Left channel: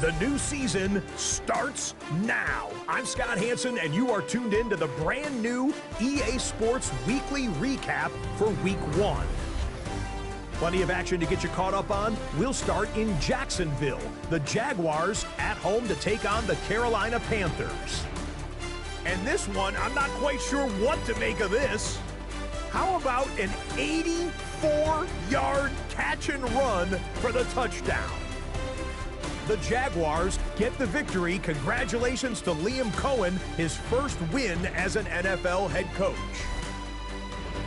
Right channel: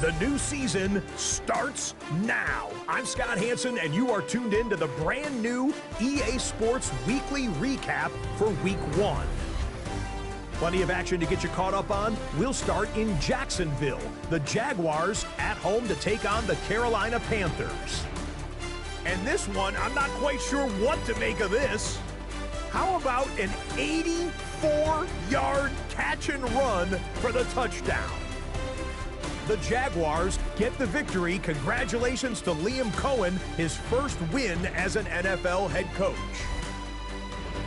The new season starts now. I'm Scott Hansen, and you are tuned in to the brand new EA Sports Weekly Recap for Week 1. Plenty of action to get you caught up on. We'll start in Jacksonville. The Jaguars at home to take on the Carolina Panthers. And this one, I'm not quite sure what to make of this. How about an 84-yard catch and run for the touchdown? The Jaguars get the victory. Congratulations to Liam Cohen, his first win as an NFL head coach.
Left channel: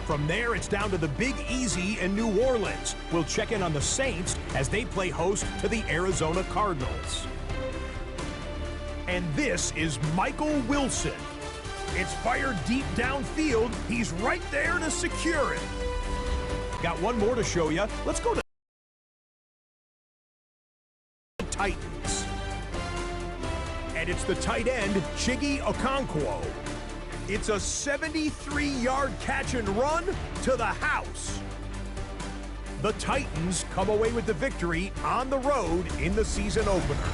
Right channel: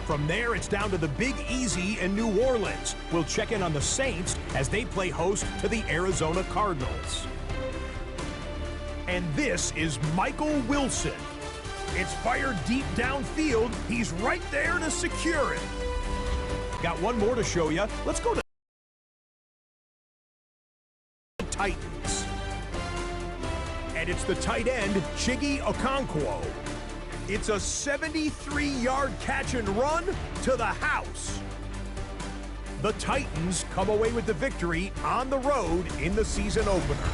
From there, it's down to the Big Easy in New Orleans. We'll check in on the Saints as they play host to the Arizona Cardinals. And this is Michael Wilson. It's fired deep downfield. He's right there to secure it. Got one more to show you. Let's go to Titans. And it's the tight end, Chiggy Okonkwo. It's a 73-yard catch and run to the house. The Titans come away with the victory on the road in the season opener.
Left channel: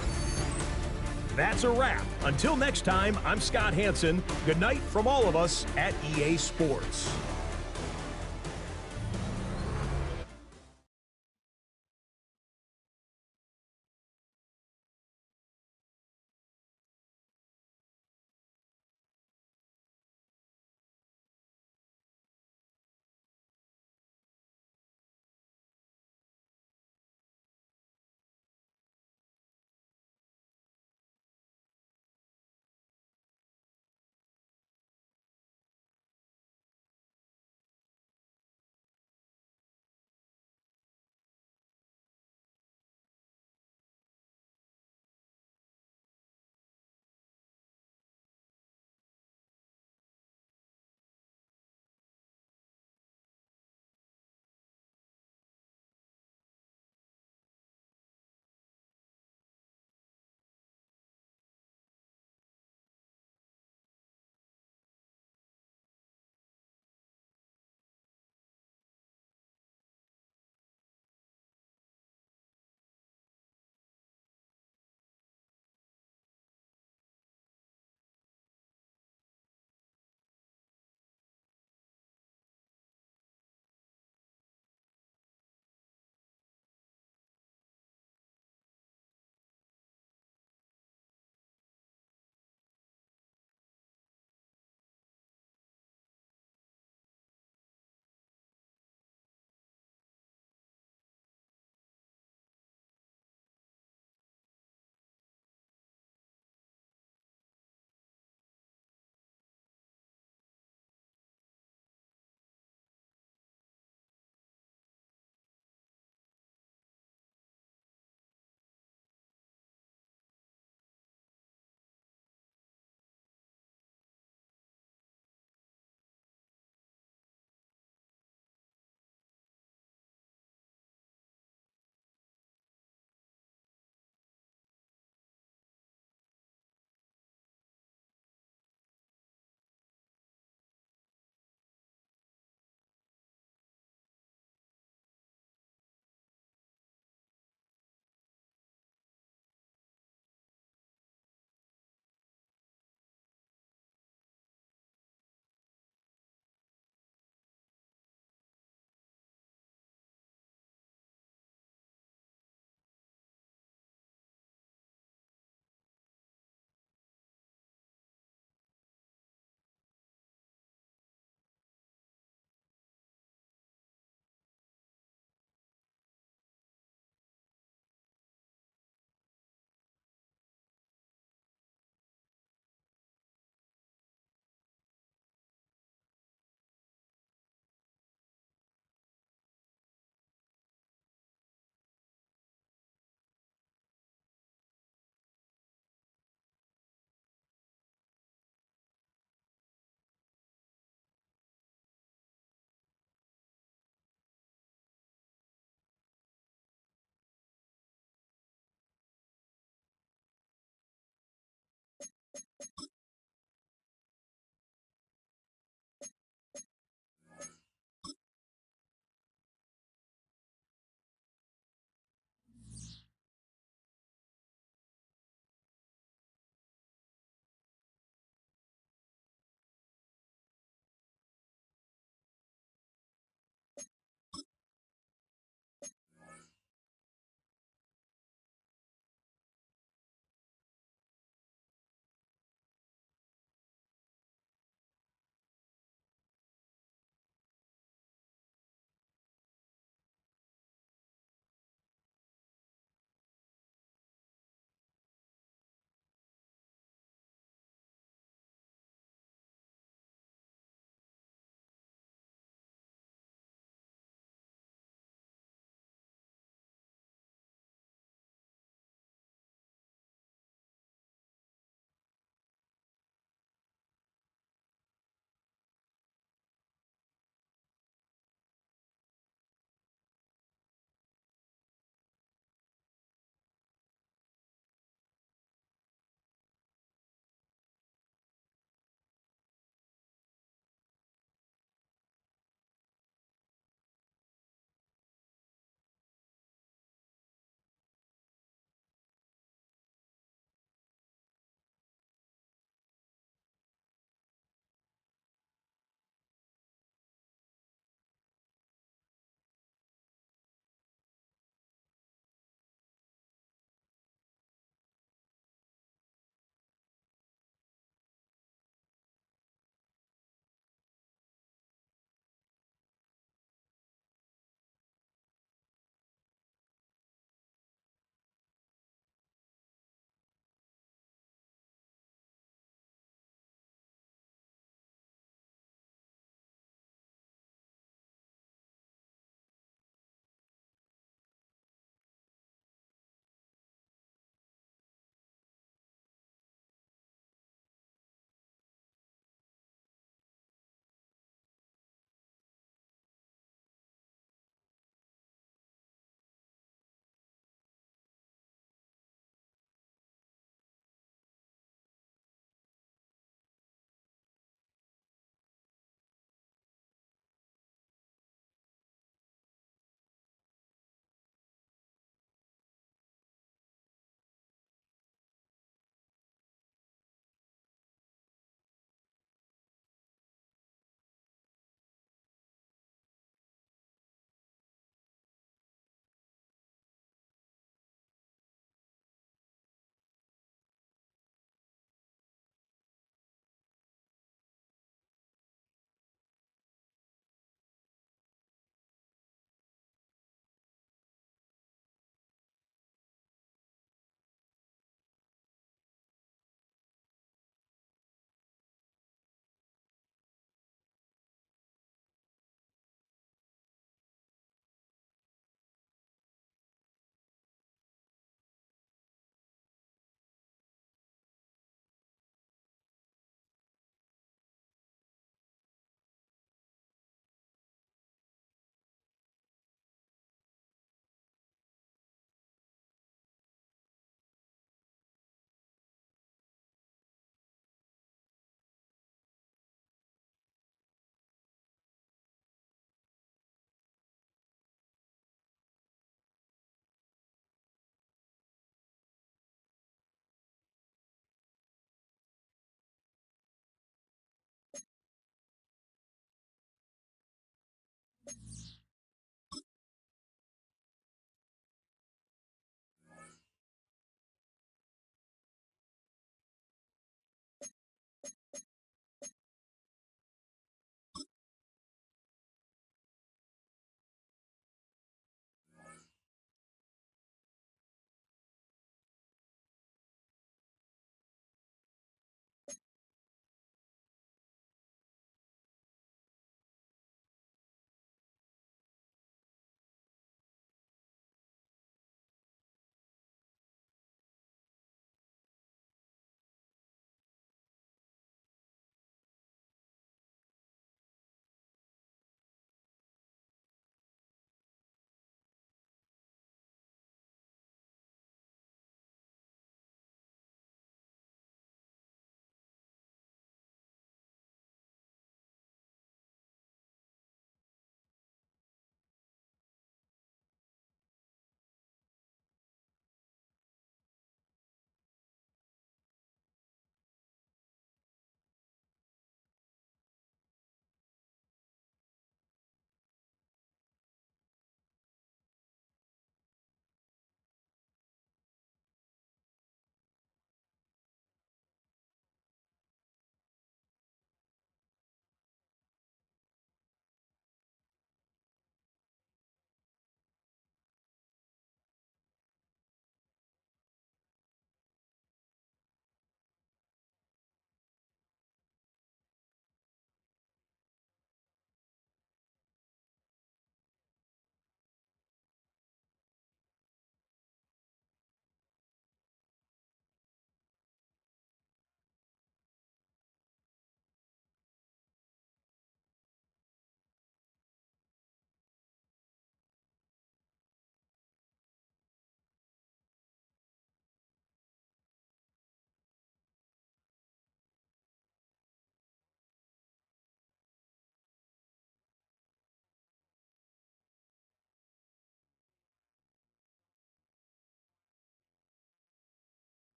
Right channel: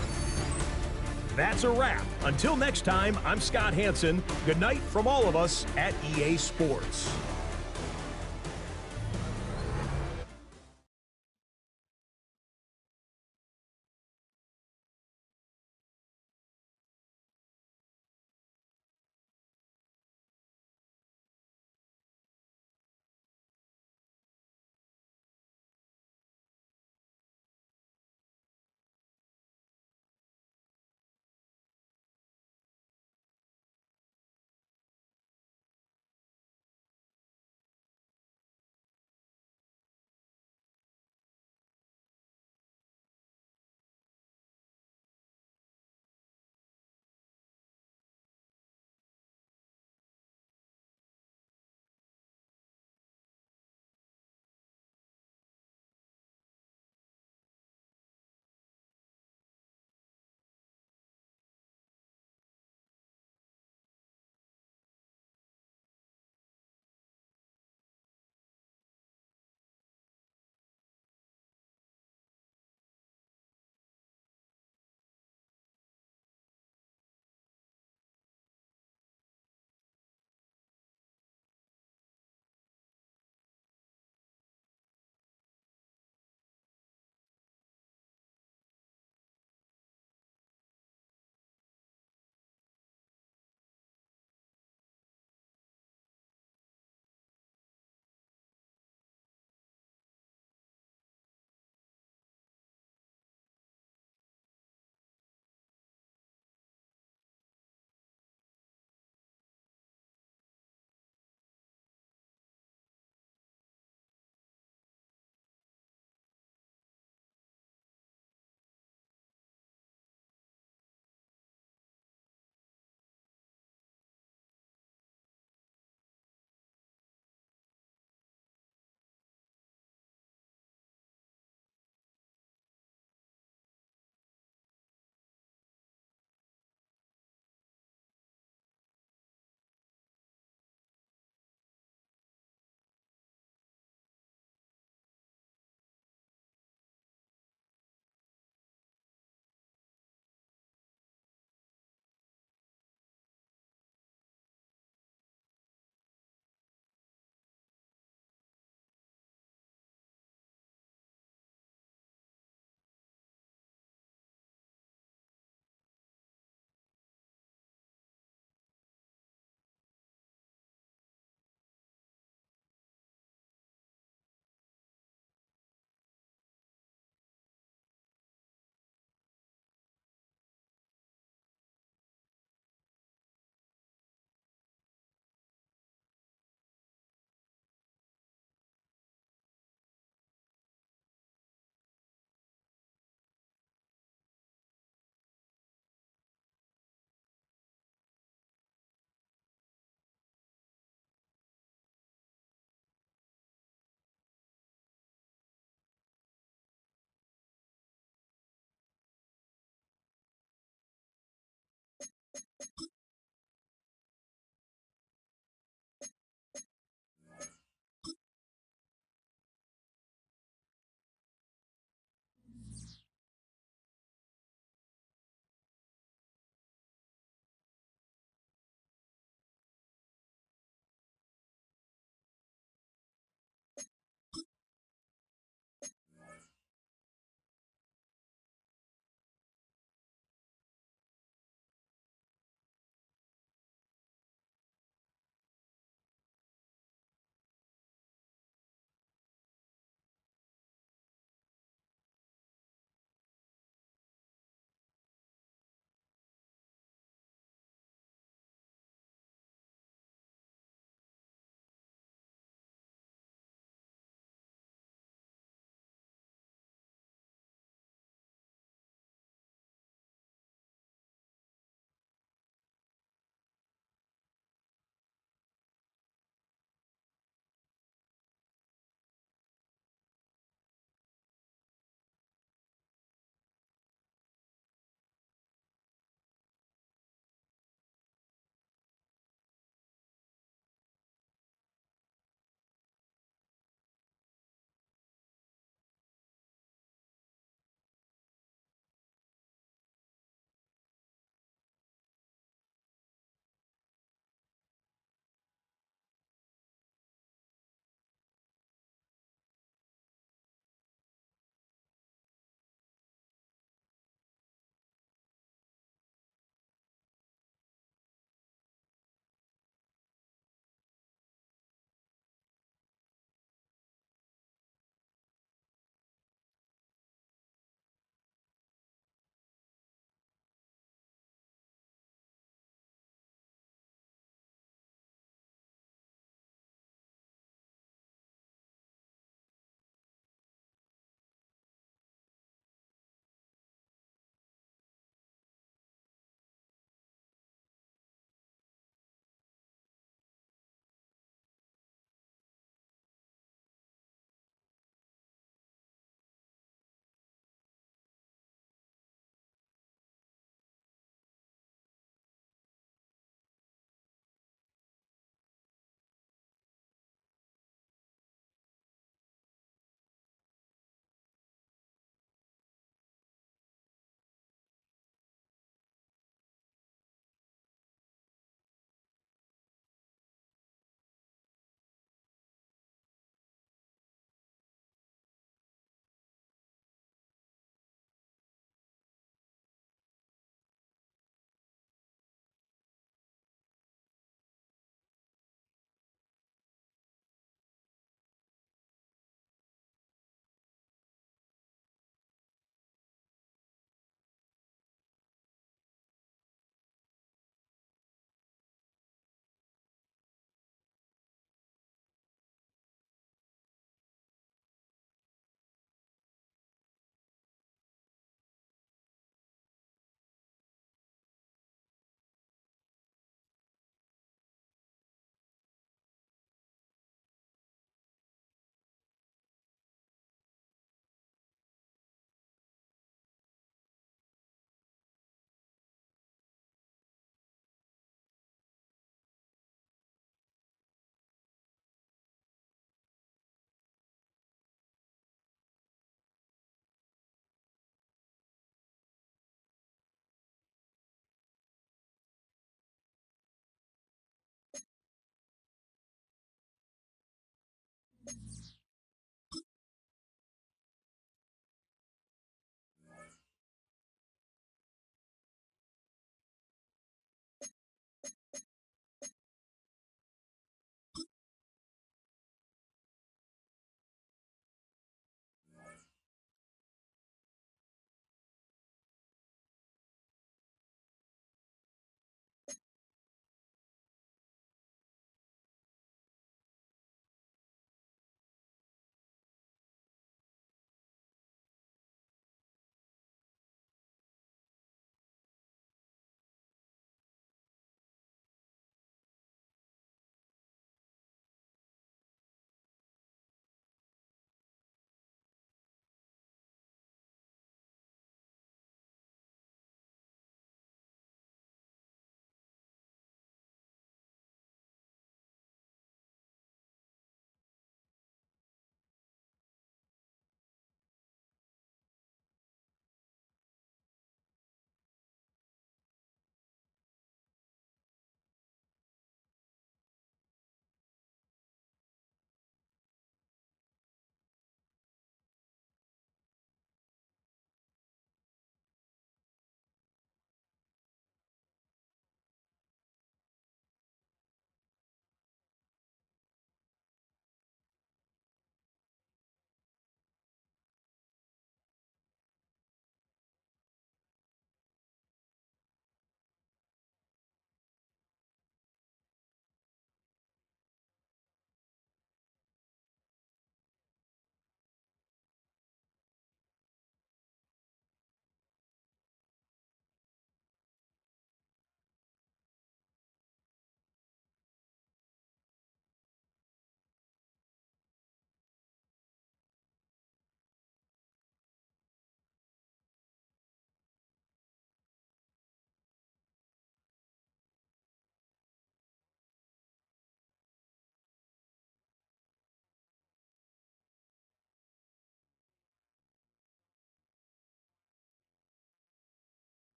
That's a wrap. Until next time, I'm Scott Hansen. Good night from all of us at EA Sports.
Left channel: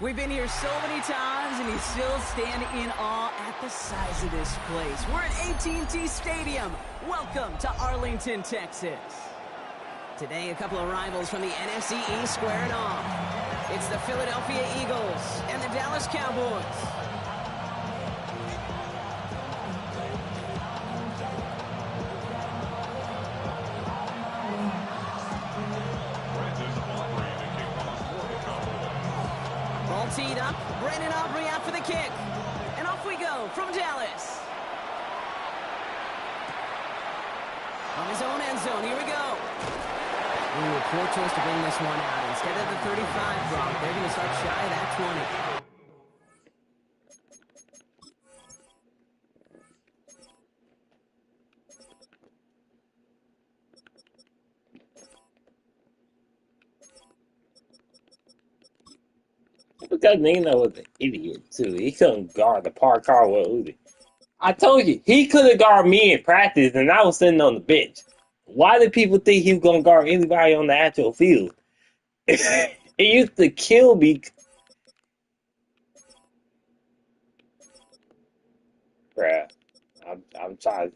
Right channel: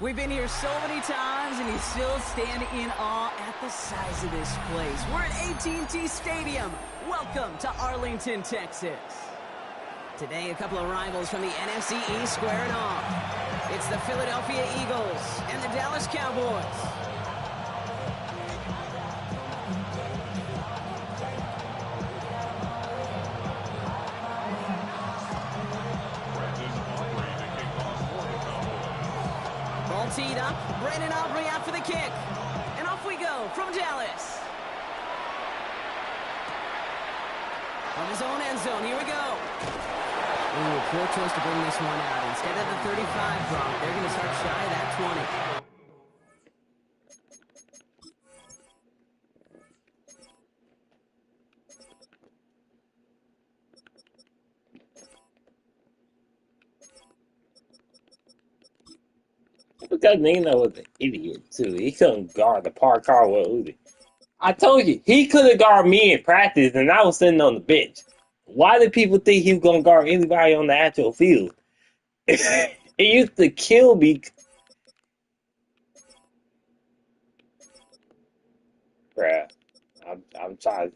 We've been here so many times, and you still stand in awe at the size of this place. We're at AT&T Stadium. Welcome to Arlington, Texas. Today, a couple of rivals from the NFC East squaring off. It's the Philadelphia Eagles and the Dallas Cowboys. Ball teed up. Brandon Aubrey out for the kick. And off we go from Dallas. From his own end zone, here we go. Ooh, poor choice to bring this one out. Instead of the 35 drop, they're going to start shy of that 20. Because Nino was an idiot, too. He couldn't guard the park car with Uzi. I told you, he could have guarded me in practice, and I was sitting on the bench. Why did people think he was going to guard anybody on the actual field? It used to kill me. Bruh, I'm trying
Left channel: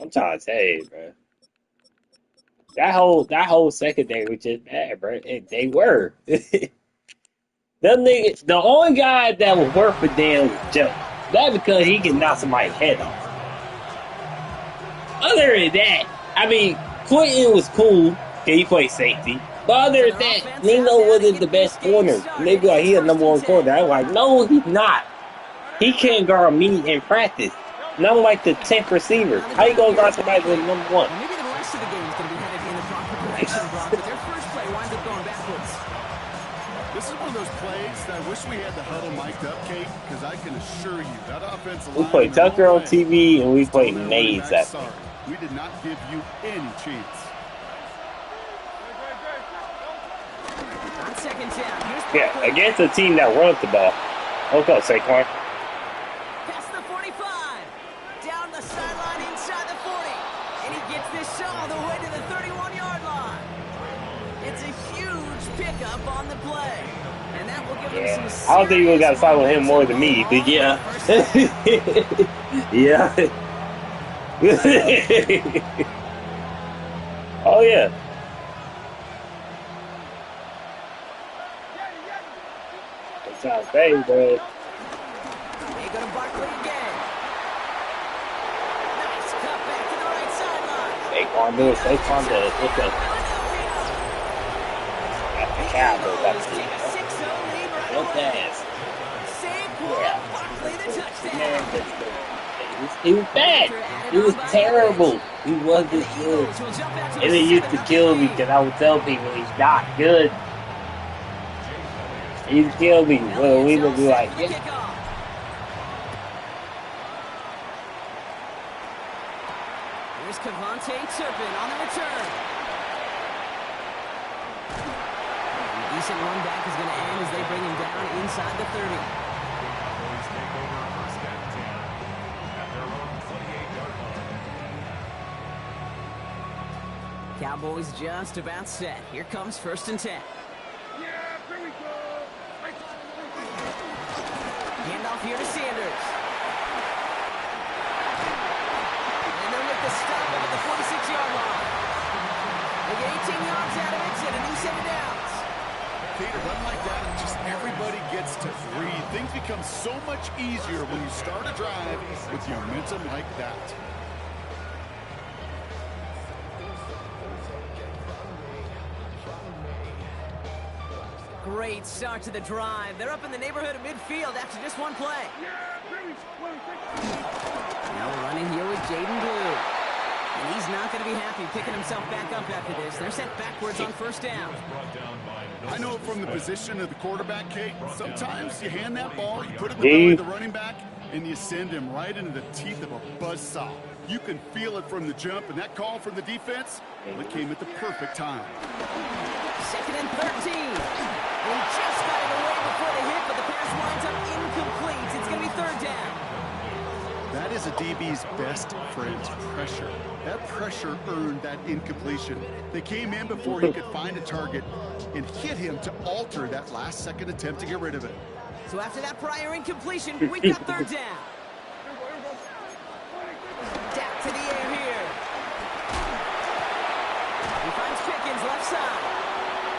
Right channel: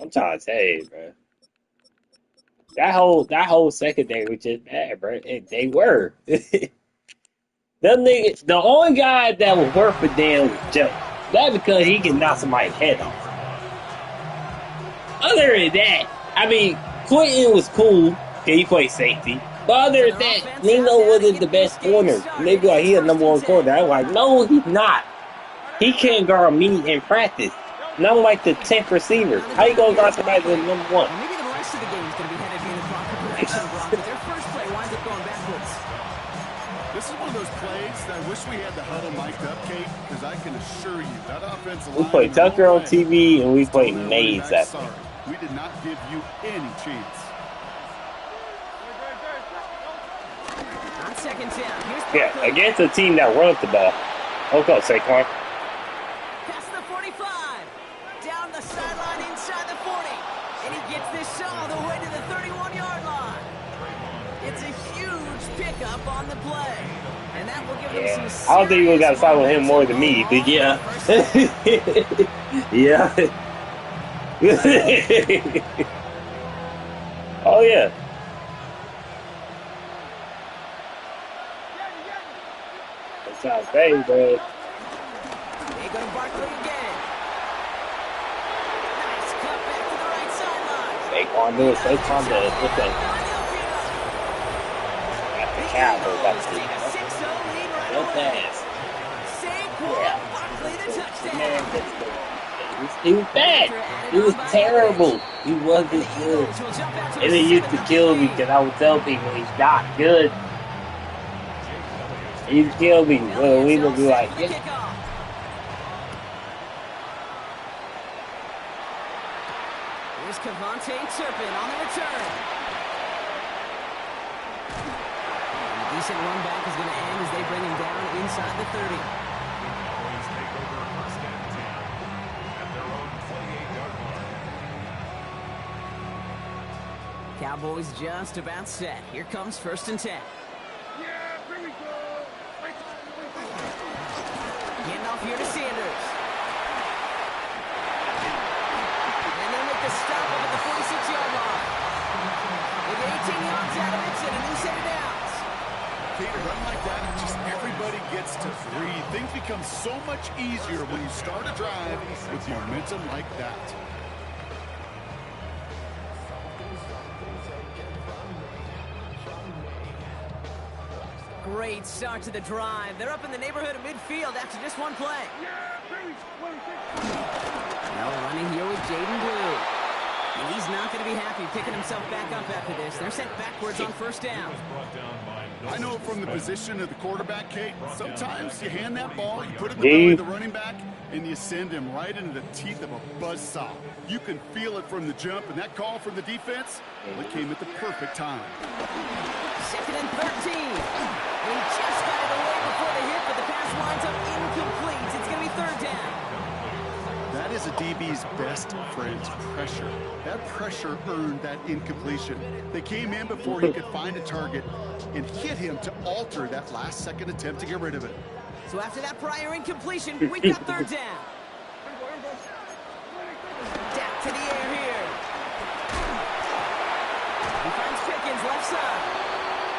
to tell you, bruh. That whole secondary was just bad, bruh. They were. Them niggas, the only guy that was worth a damn was Joe. That's because he can knock somebody's head off. Other than that, I mean, Quentin was cool because he played safety. But other than that, Nino wasn't the best corner. And they be like, he's a number one corner. I'm like, no, he's not. He can't guard me in practice. And I'm like the 10th receiver. How you gonna guard somebody with number one? Well, maybe the rest of the game is going to be headed in the proper direction, Brock, but their first play winds up going backwards. This is one of those plays that I wish we had the huddle mic'd up, Kate, because I can assure you that offensive line. We played Tucker on TV and we played Maze that sorry. We did not give you any chance. On second down, here's yeah, against a team that runs the ball. Okay, Saquon. Past the 45. Down the sideline inside the 40. And he gets this all the way to the 31-yard line. It's a huge pickup on the play. And that will give him some I don't think you got to follow him more than me, but yeah. Yeah. Oh, yeah. That's how I say, bro. They go to Barkley again. Nice cut back to the right sideline. Saquon do it. Saquon does. What's that? That's the Cowboys. That's the real fast. Saquon Barkley, the touchdown. He was bad. He was terrible. He wasn't good. And it used to kill me because I would tell people he's not good. He used to kill me when we would be like, yeah. Here's Kevontae Turpin on the return. And a decent run back is going to end as they bring him down inside the 30. Cowboys take over first and 10 at their own 28-yard line. Cowboys just about set. Here comes first and 10. Yeah, here we go. Hand off here to Sanders. And they'll make the stop up at the 46-yard line. They get 18 yards out of it and a new set of downs. Kate, a run like that, just everybody gets to breathe. Things become so much easier when you start a drive with momentum like that. Great start to the drive. They're up in the neighborhood of midfield after just one play. Now running here with Jaden Blue. And he's not going to be happy picking himself back up after this. They're sent backwards on first down. I know from the position of the quarterback, Kate, sometimes you hand that ball, you put it in the belly of the running back, and you send him right into the teeth of a buzzsaw. You can feel it from the jump, and that call from the defense, well, it came at the perfect time. 2nd and 13. And he just got it away before the hit, but the pass winds up incomplete. It's going to be 3rd down. That is a DB's best friend, pressure. That pressure earned that incompletion. They came in before he could find a target and hit him to alter that last-second attempt to get rid of it. So after that prior incompletion, we've got 3rd down. Dak to the air here. He finds Pickens left side.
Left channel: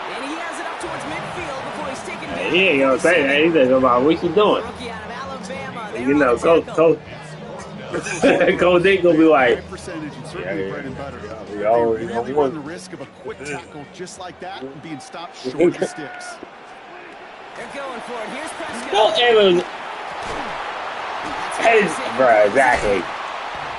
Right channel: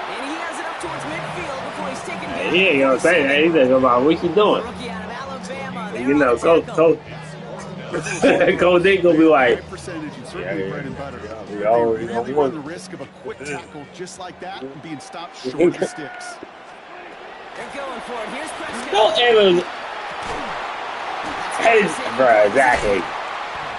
And he has it up towards midfield before he's taken down. He ain't gonna say that. He's like, about what you doing? Rookie out of Alabama. You know, Coach Dick gonna be like, we always really run the risk of a quick tackle just like that and being stopped short of sticks. They're going for it. Here's Prescott. don't ever. Hey, bro, exactly.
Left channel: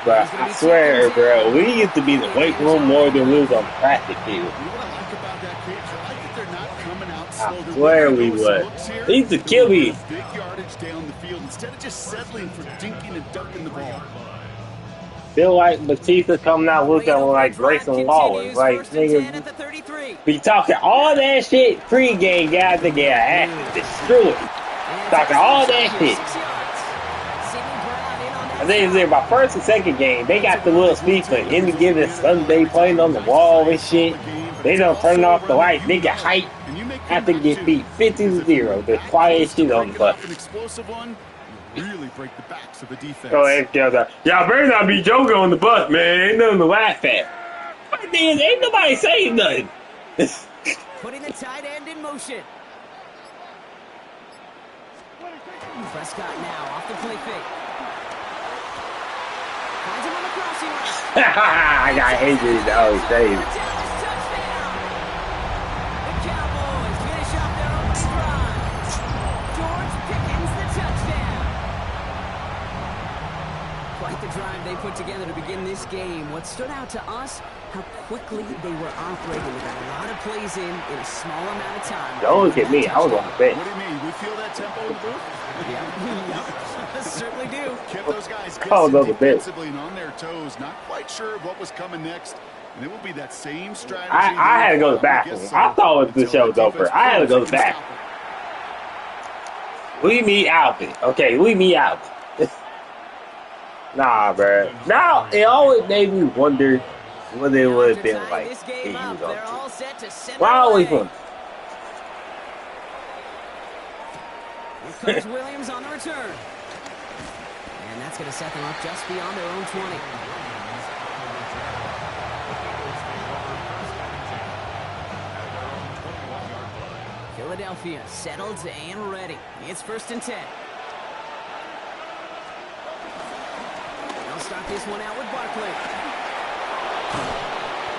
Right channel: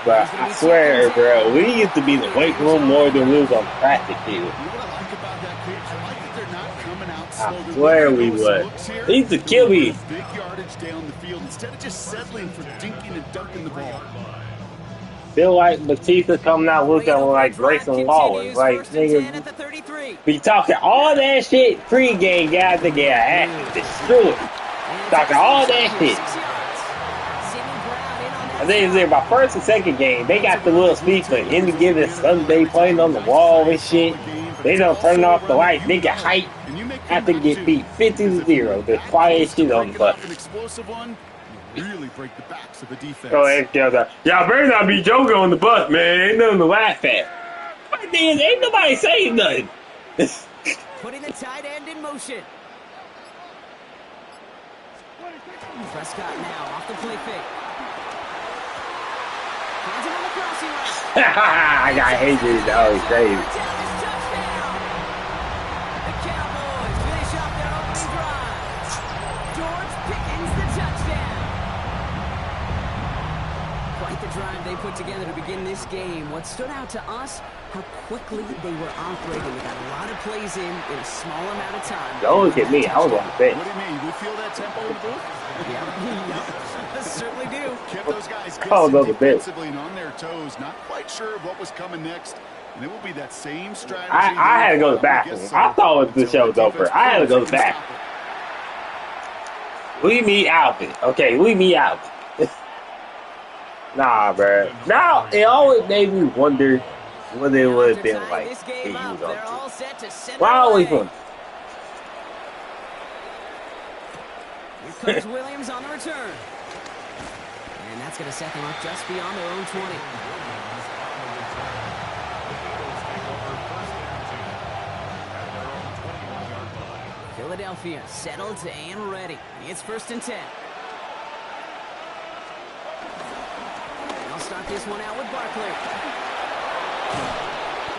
But I swear, bro, we used to be in the weight room more than we was on practice field. You know what I like about that cage? I like that they're not coming out slow. I swear we would. They used to kill me. Big yardage down the field instead of just settling for dinking and dunking the ball. Feel like Batista coming out looking like Grayson Waller. Like, nigga, be talking all that shit pre-game, guys, to get ass destroyed. Talking all that shit. I think it's in my 1st and 2nd game. They got the little speech for any given Sunday playing on the wall and shit. They don't turn off the lights. They get hype after get beat 50-0. The quiet shit on the bus. Really break the backs of the defense. So y'all better not be joking on the bus, man. Ain't nothing to laugh at. But then ain't nobody saying nothing. Putting the tight end in motion. Prescott now off the play fake. Finds him on the crossing route. I got Adrian to always save. The Cowboys finish off their opening drive. George Pickens the touchdown. Quite the drive they put together to begin this game. What stood out to us, how quickly they were operating. They got a lot of plays in a small amount of time. Don't look at me. I was on the bench. What do you mean? We feel that tempo in the booth? Yep. Certainly do. Kept those guys guessing defensively and on their toes. Not quite sure of what was coming next. And it will be that same strategy. I had to go to the bathroom. I thought the show was over. I had to go to the bathroom. Leave me out of it. Okay, leave me out. Nah, bro. Now, it always made me wonder what it would have been like if he was on TV. Why always wonder? Here comes Williams on the return. And that's going to set them up just beyond their own 20. Philadelphia settled and ready. It's 1st and 10. They'll start this one out with Barkley.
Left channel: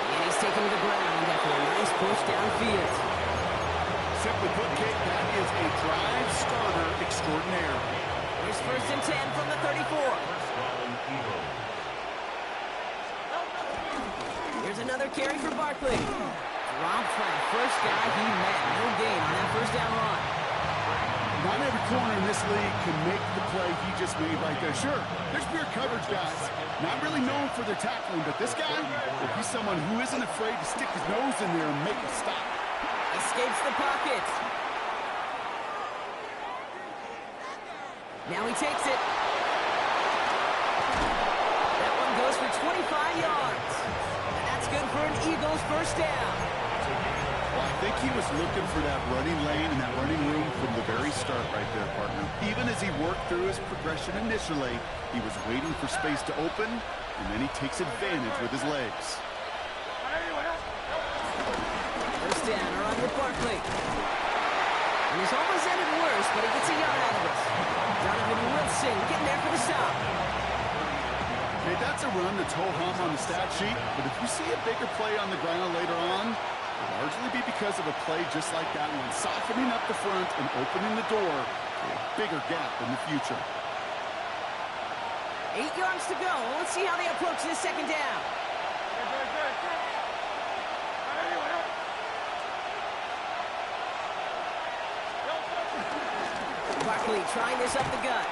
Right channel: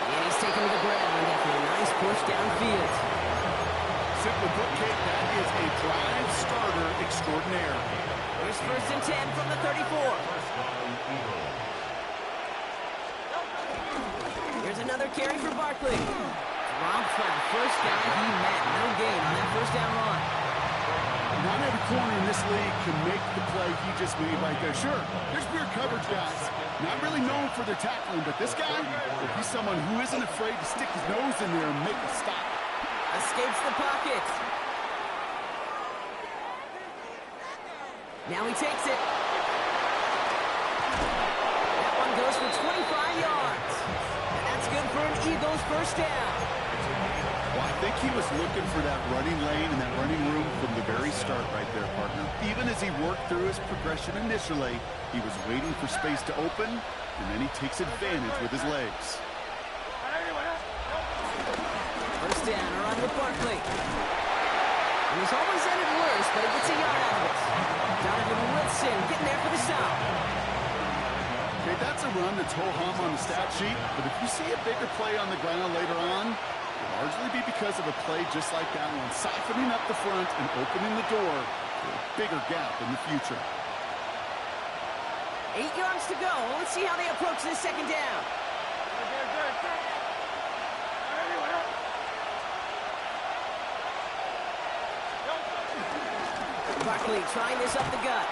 And he's taken to the ground after a nice push downfield. Simply put, Kate, that is a drive starter extraordinaire. Here's 1st and 10 from the 34. Here's another carry for Barkley. Dropped by the first guy he met. No gain on that 1st down run. Not every corner in this league can make the play he just made right there. Sure, there's pure coverage guys. Not really known for their tackling, but this guy, he's someone who isn't afraid to stick his nose in there and make a stop. Escapes the pocket. Now he takes it. That one goes for 25 yards. And that's good for an Eagles 1st down. Well, I think he was looking for that running lane and that running room from the very start right there, partner. Even as he worked through his progression initially, he was waiting for space to open, and then he takes advantage with his legs. 1st down, a run with Barkley. And he's almost ended worse, but he gets a yard out of it. Donovan Wilson getting there for the stop. Okay, that's a run that's ho-hum on the stat sheet, but if you see a bigger play on the ground later on, it'll largely be because of a play just like that one, softening up the front and opening the door for a bigger gap in the future. 8 yards to go. Let's see how they approach this 2nd down. Barkley trying this up the gut.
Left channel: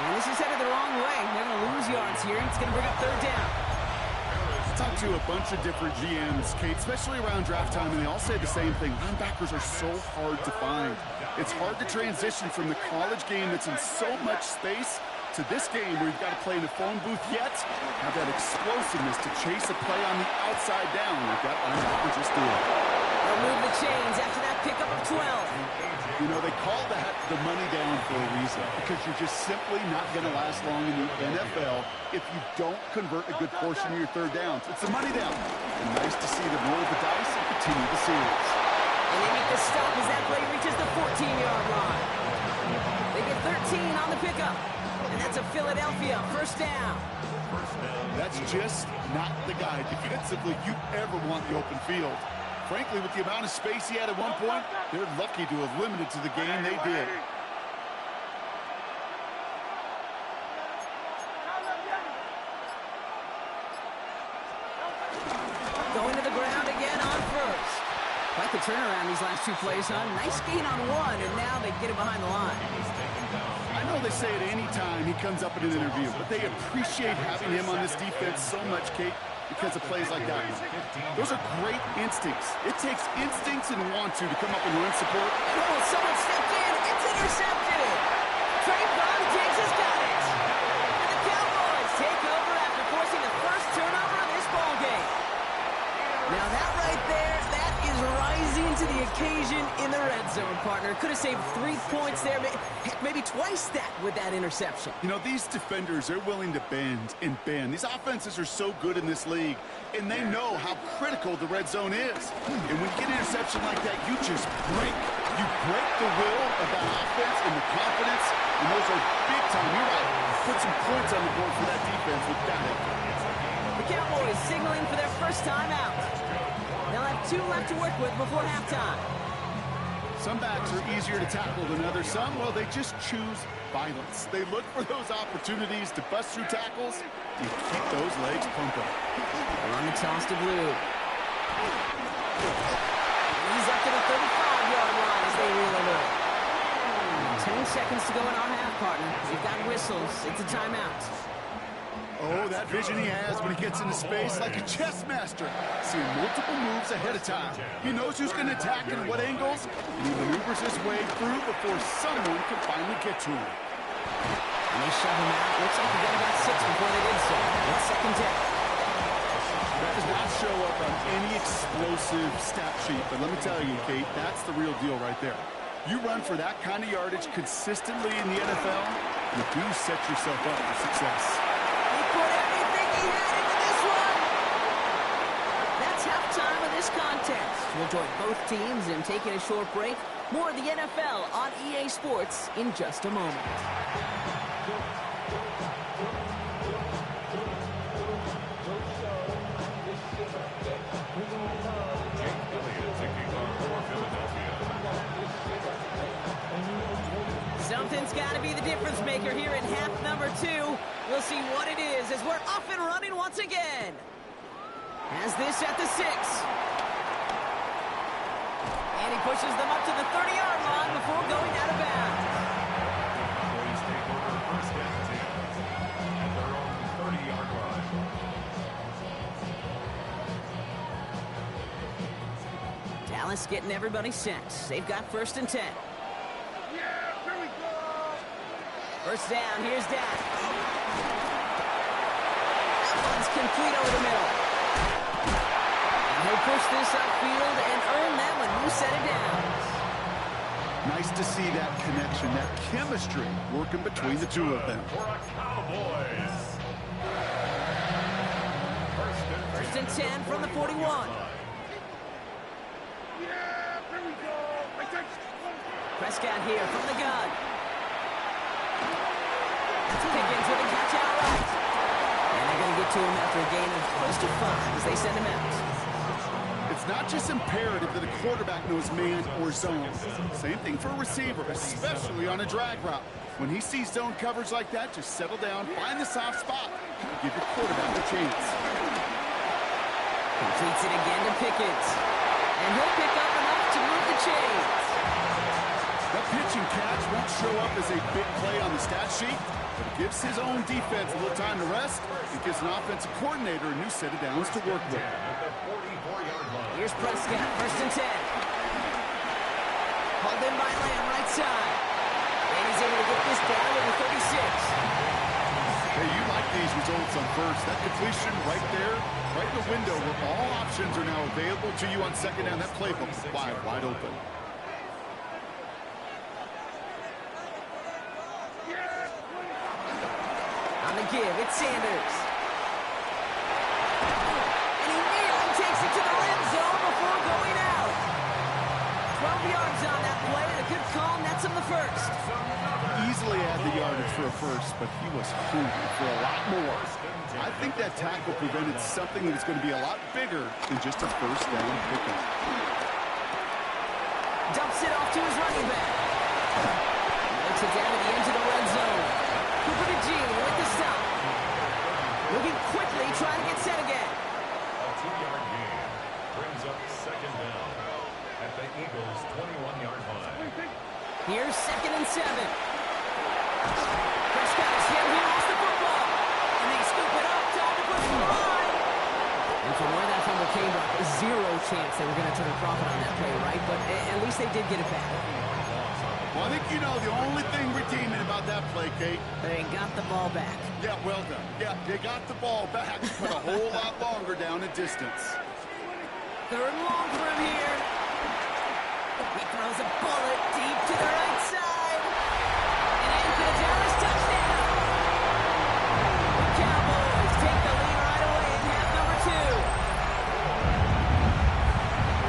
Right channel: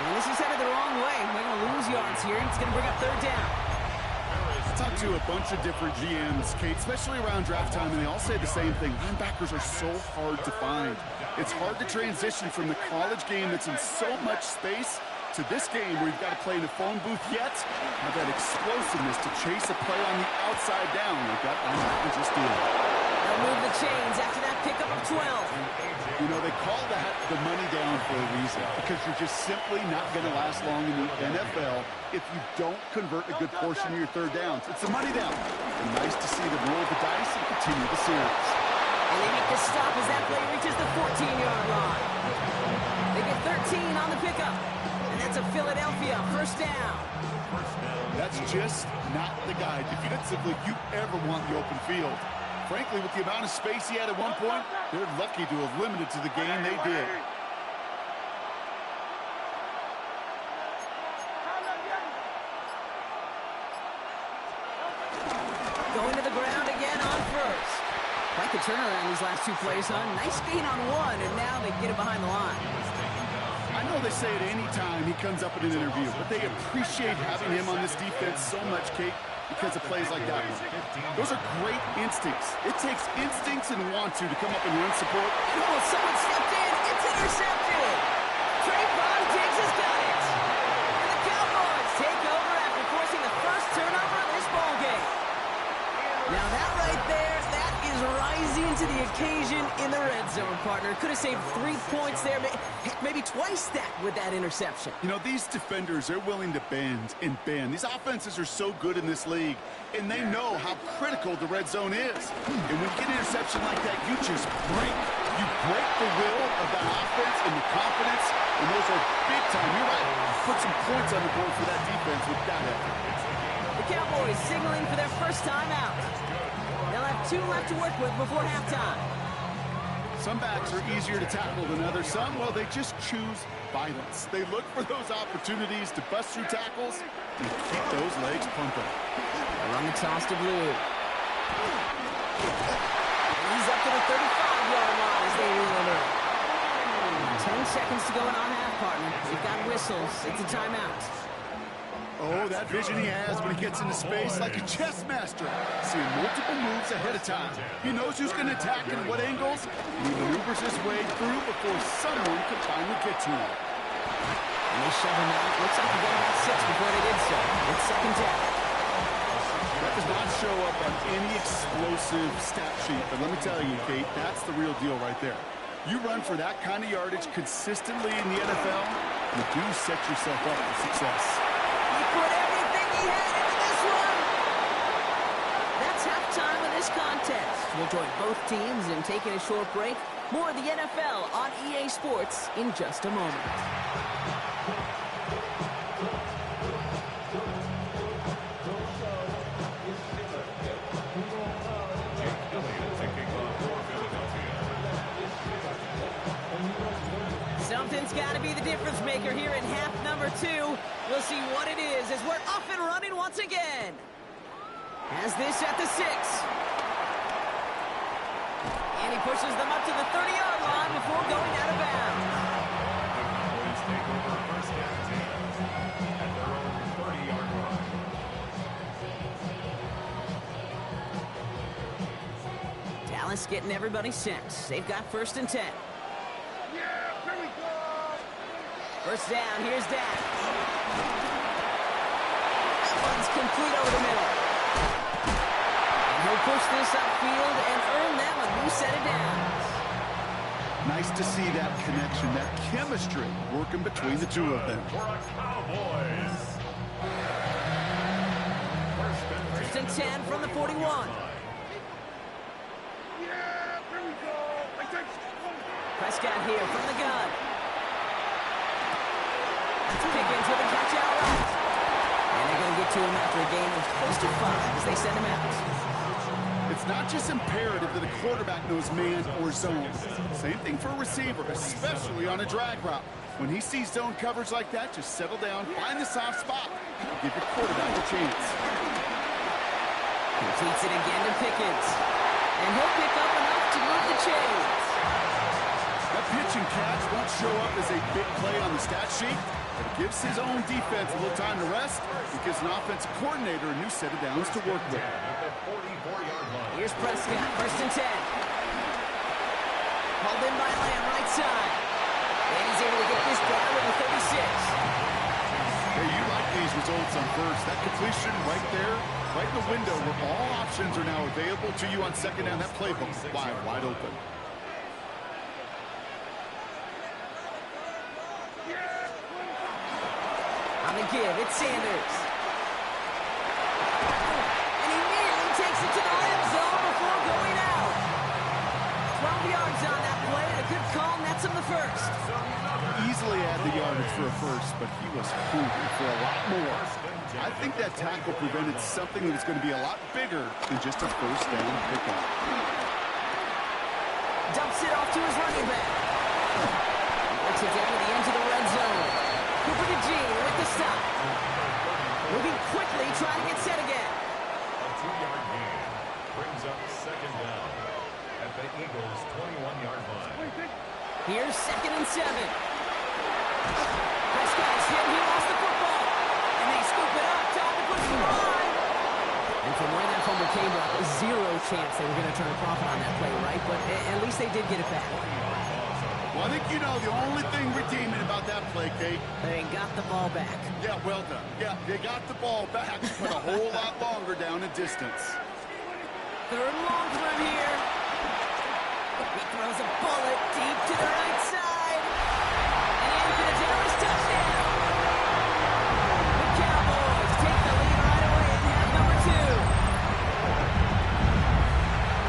And this is headed the wrong way. They're going to lose yards here, and it's going to bring up third down. I talked to a bunch of different GMs, Kate, especially around draft time, and they all say the same thing. Linebackers are so hard to find. It's hard to transition from the college game that's in so much space to this game where you've got to play in a phone booth, yet have that explosiveness to chase a play on the outside down like that linebacker just did. They'll move the chains after that pickup of 12. You know, they call that the money down for a reason, because you're just simply not going to last long in the NFL if you don't convert a good portion of your third downs. It's the money down. And nice to see them roll the dice and continue the series. And they make the stop as that play reaches the 14-yard line. They get 13 on the pickup. And that's a Philadelphia first down. That's just not the guy defensively you ever want the open field. Frankly, with the amount of space he had at one point, they're lucky to have limited to the game they did. Going to the ground again on first. Quite the turnaround these last two plays, huh? Nice gain on one, and now they get him behind the line. I know they say it any time he comes up in an interview, but they appreciate having him on this defense so much, Kate, because of plays like that one. Those are great instincts. It takes instincts and want to come up and run support. Oh, someone stepped in. It's intercepted. Trayvon Diggs has got it. And the Cowboys take over after forcing the first turnover of this ball game. Now that right there, that is rising to the occasion in the red zone, partner. Could have saved 3 points there, maybe twice that with that interception. You know, these defenders, they're willing to bend and bend. These offenses are so good in this league, and they know how critical the red zone is. And when you get an interception like that, you just break. You break the will of that offense and the confidence, and those are big time. You're right. Put some points on the board for that defense with that effort. The Cowboys signaling for their first time out. They'll have 2 left to work with before halftime. Some backs are easier to tackle than others. Some, well, they just choose violence. They look for those opportunities to bust through tackles and keep those legs pumping. They'll run the toss to Blue. And he's up to the 35-yard line as they reel him in. 10 seconds to go in our half, partner. We've got whistles. It's a timeout. Oh, that vision he has when he gets into space like a chess master. Seeing multiple moves ahead of time. He knows who's going to attack and what angles, and he maneuvers his way through before someone can finally get to him. And they shove him out. Looks like he got about 6 before they did so. It's second down. That does not show up on any explosive stat sheet, but let me tell you, Kate, that's the real deal right there. You run for that kind of yardage consistently in the NFL, you do set yourself up for success. He put everything he had into this one. That's halftime of this contest. We'll join both teams in taking a short break. More of the NFL on EA Sports in just a moment. Something's got to be the difference maker here in half number 2. We'll see what it is as we're off and running once again. Has this at the 6. And he pushes them up to the 30-yard line before going out of bounds. The Cowboys take over first and 10 at their own 30-yard line. Dallas getting everybody set. They've got first and 10. First down, here's Dak. That one's complete over the middle. And he'll push this upfield and earn them a new set of downs. Nice to see that connection, that chemistry working between the two of them. For a Cowboys. First and 10 from the 41. Prescott here from the gun. Pickens with a catch outright. And they're going to get to him after a gain of close to 5 as they send him out. It's not just imperative that a quarterback knows man or zone. Same thing for a receiver, especially on a drag route. When he sees zone coverage like that, just settle down, find the soft spot, and give your quarterback a chance. Completes it again to Pickens. And he'll pick up enough to move the chains. That pitch and catch won't show up as a big play on the stat sheet, but it gives his own defense a little time to rest. It gives an offensive coordinator a new set of downs to work with. Here's Prescott, 1st and 10. Hauled in by Lamb, right side. And he's able to get this down to the 36. Hey, you like these results on first. That completion right there, right in the window where all options are now available to you on second down. That playbook is wide open. On the give, it's Sanders. And he nearly takes it to the red zone before going out. 12 yards on that play, and a good call nets him the first. Easily had the yardage for a first, but he was hungry for a lot more. I think that tackle prevented something that was going to be a lot bigger than just a first down pickup. Dumps it off to his running back. He works it down to the edge of the red zone. Cooper to Gene with the stop. Moving quickly, trying to get set again. A 2-yard gain brings up second down at the Eagles' 21-yard line. Here's 2nd and 7. Prescott is hit. He lost the football. And they scoop it up. Time to push the line. And from where that fumble came, Brock, zero chance they were going to turn a profit on that play, right? But at least they did get it back. Well, I think you know the only thing redeeming about that play, Kate. They got the ball back. Yeah, well done. Yeah, they got the ball back, but a whole lot longer down in distance. 3rd and long for him here. He throws a bullet deep to the right side. And in for the Dallas touchdown. The Cowboys take the lead right away in half number 2.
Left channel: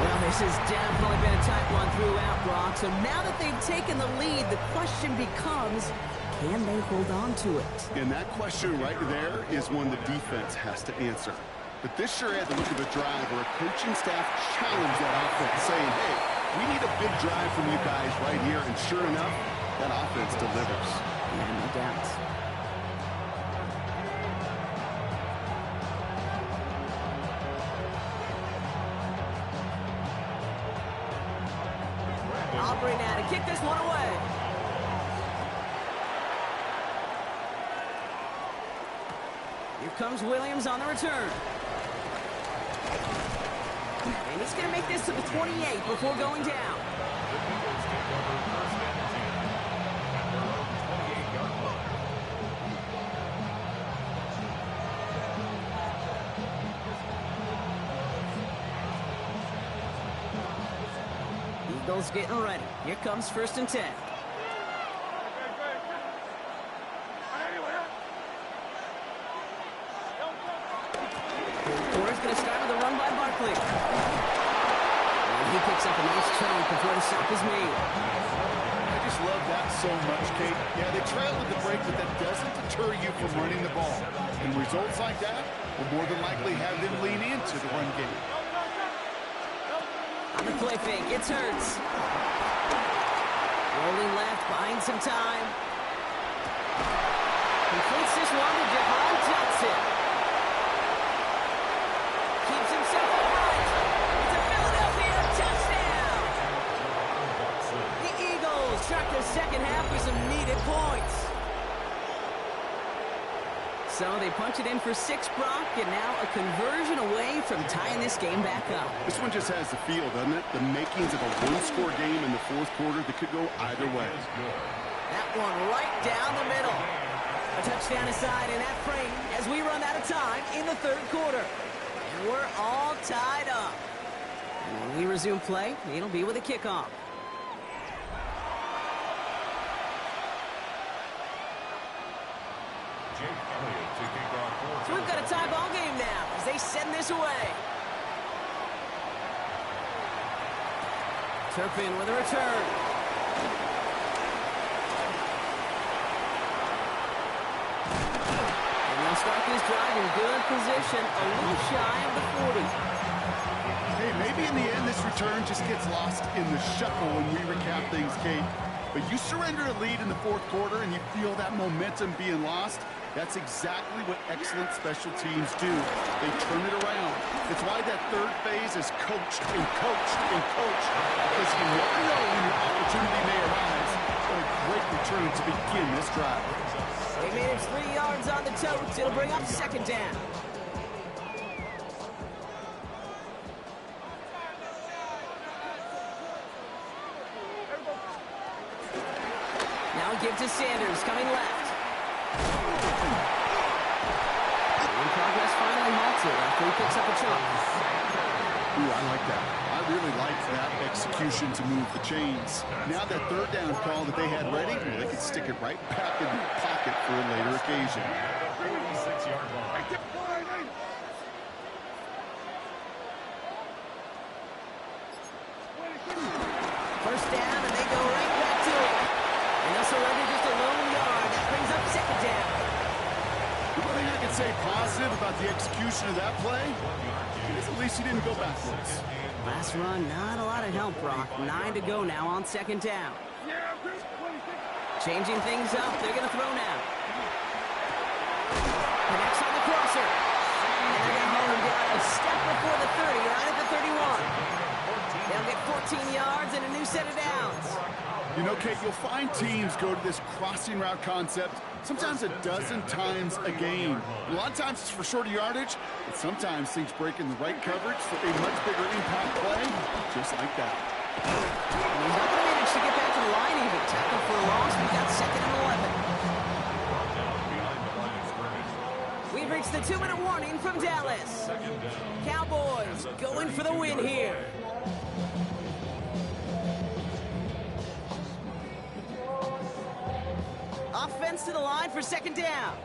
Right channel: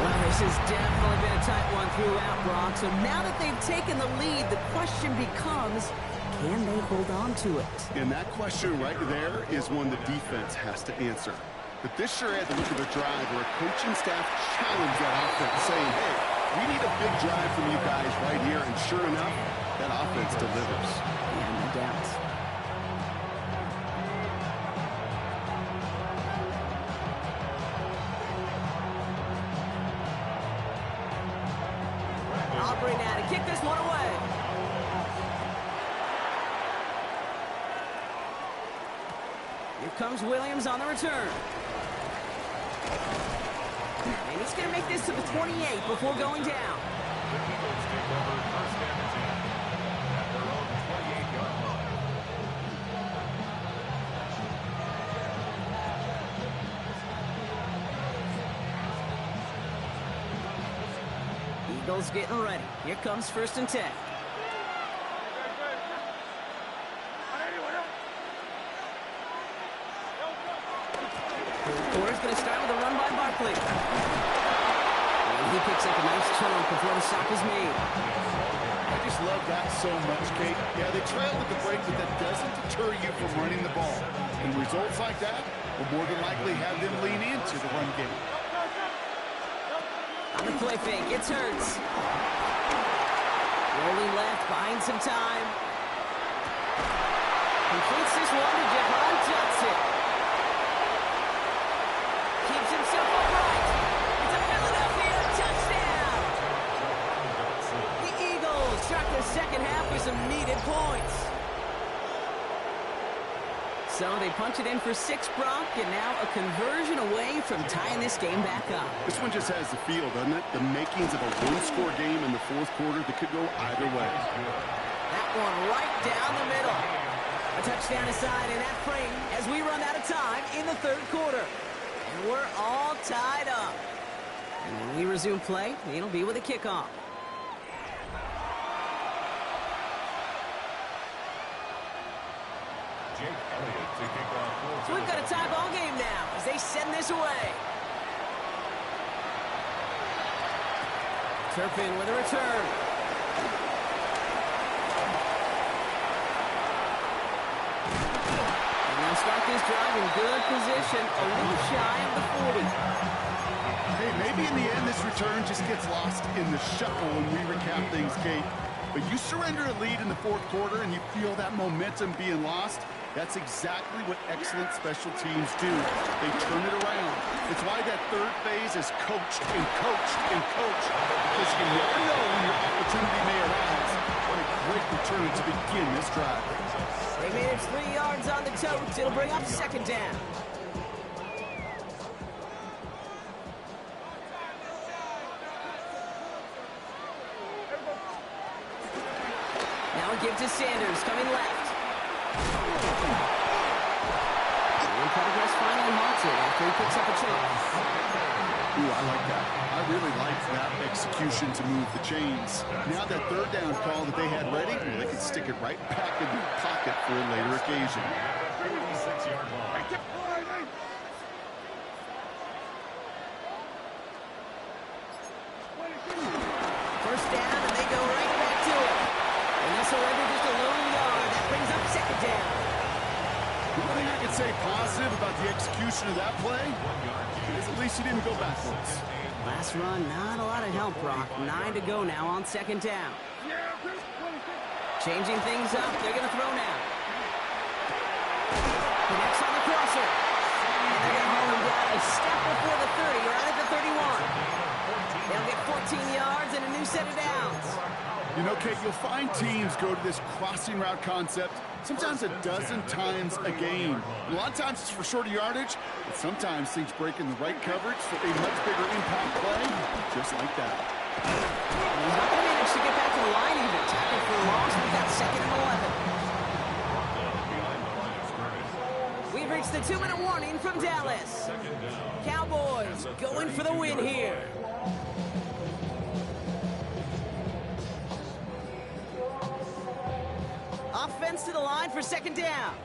Well, this has definitely been a tight one throughout, Brock. So now that they've taken the lead, the question becomes, can they hold on to it? And that question right there is one the defense has to answer. But this sure had the look of a drive where a coaching staff challenged that offense, saying, hey, we need a big drive from you guys right here. And sure enough, that offense delivers. Yeah, no doubt. Aubrey now to kick this one away. Here comes Williams on the return. And he's going to make this to the 28 before going down. The Eagles take over 1st and 10 at their own 28-yard line. Eagles getting ready. Here comes 1st and 10. Quarter's going to start with a run by Barkley. And he picks up a nice chunk before the stop is made. I just love that so much, Kate. Yeah, they trailed at the break, but that doesn't deter you from running the ball. And results like that will more than likely have them lean into the run game. On the play fake, it's Hurts. Rolling left, buying some time. Completes this one to Jahan Johnson. Keeps himself upright. It's a Philadelphia touchdown. The Eagles start the second half with some needed points. So they punch it in for 6, Brock, and now a conversion away from tying this game back up. This one just has the feel, doesn't it? The makings of a one-score game in the 4th quarter that could go either way. That one right down the middle. A touchdown aside in that frame as we run out of time in the 3rd quarter. And we're all tied up. And when we resume play, it'll be with a kickoff. Jake Elliott to kick off for So we've got a tie ball game now as they send this away. Turpin with a return. And they'll start this drive in good position, a little shy of the 40. Hey, maybe in the end this return just gets lost in the shuffle when we recap things, Kate. But you surrender a lead in the 4th quarter and you feel that momentum being lost, That's exactly what excellent special teams do. They turn it around. It's why that third phase is coached and coached and coached, because you never know when your opportunity may arise. What a great return to begin this drive. They made it 3 yards on the totes. It'll bring up second down. Now give to Sanders, coming left. And progress finally halted after he picks up a chunk. Ooh, I like that. I really liked that execution to move the chains. Now that third down call that they had ready, well, they could stick it right back in their pocket for a later occasion. 46-yard line. First down, and they go right back to it. And they'll surrender just a lone yard. That brings up second down. The one thing I can say positive about the execution of that play is at least he didn't go backwards. Last run, not a lot of help, Brock. 9 to go now on second down. Changing things up. They're going to throw now. Connects on the crosser. And they're going to haul him down a step before the 30, right at the 31. They'll get 14 yards and a new set of downs. You know, Kate, you'll find teams go to this crossing route concept sometimes a dozen times a game. And a lot of times it's for shorter yardage, but sometimes things break in the right coverage for a much bigger impact play, just like that. He's not going to manage to get back to the line even. Tackled for a loss. We've got second and 11. We've reached the 2-minute warning from Dallas. Cowboys going for the win here. Offense to the line for second down.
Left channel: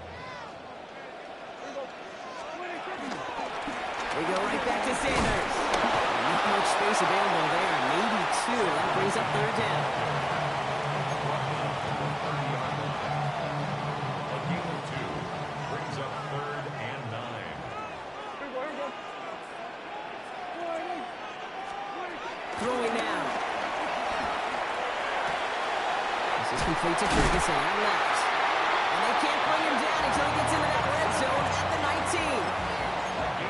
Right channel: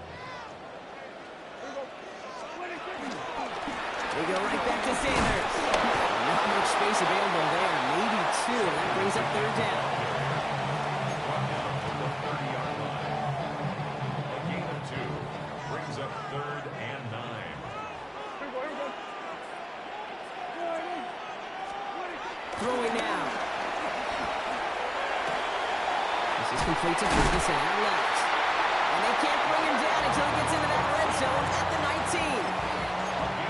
They go right back to Sanders. Not much space available there. Maybe two. That brings up third down. A gain of 2 brings up 3rd and 9. Throwing now. This is complete to Ferguson out left. And they can't bring him down until he gets into that red zone at the 19.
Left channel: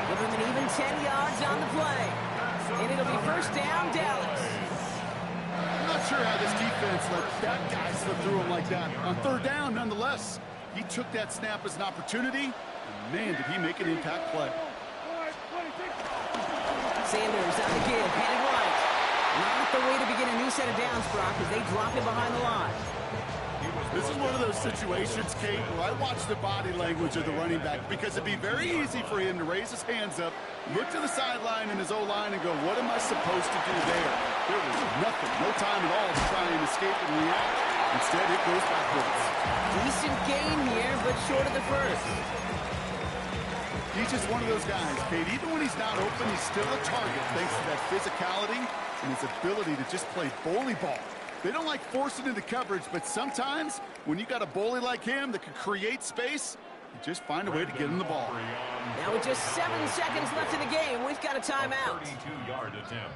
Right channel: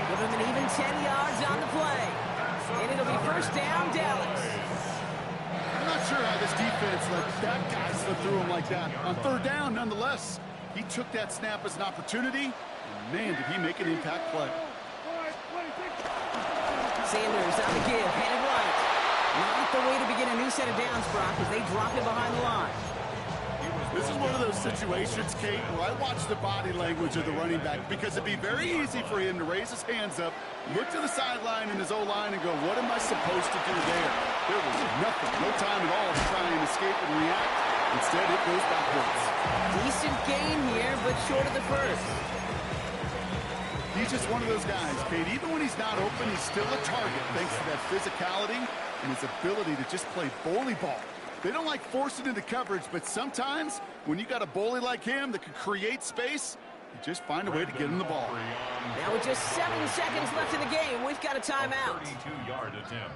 Give him an even 10 yards on the play. And it'll be first down, Dallas. I'm not sure how this defense let that guy slip through him like that. On third down, nonetheless, he took that snap as an opportunity, and man, did he make an impact play. Sanders on the give, headed right. Not the way to begin a new set of downs, Brock, as they drop him behind the line. This is one of those situations, Kate, where I watch the body language of the running back, because it'd be very easy for him to raise his hands up, look to the sideline in his O-line and go, what am I supposed to do there? There was nothing, no time at all to try and escape and react. Instead, it goes backwards. Decent gain here, but short of the first. He's just one of those guys, Kate. Even when he's not open, he's still a target thanks to that physicality and his ability to just play bully ball. They don't like forcing into coverage, but sometimes when you got a bully like him that can create space, you just find a way to get him the ball. Now with just 7 seconds left in the game, we've got a timeout. 32-yard attempt.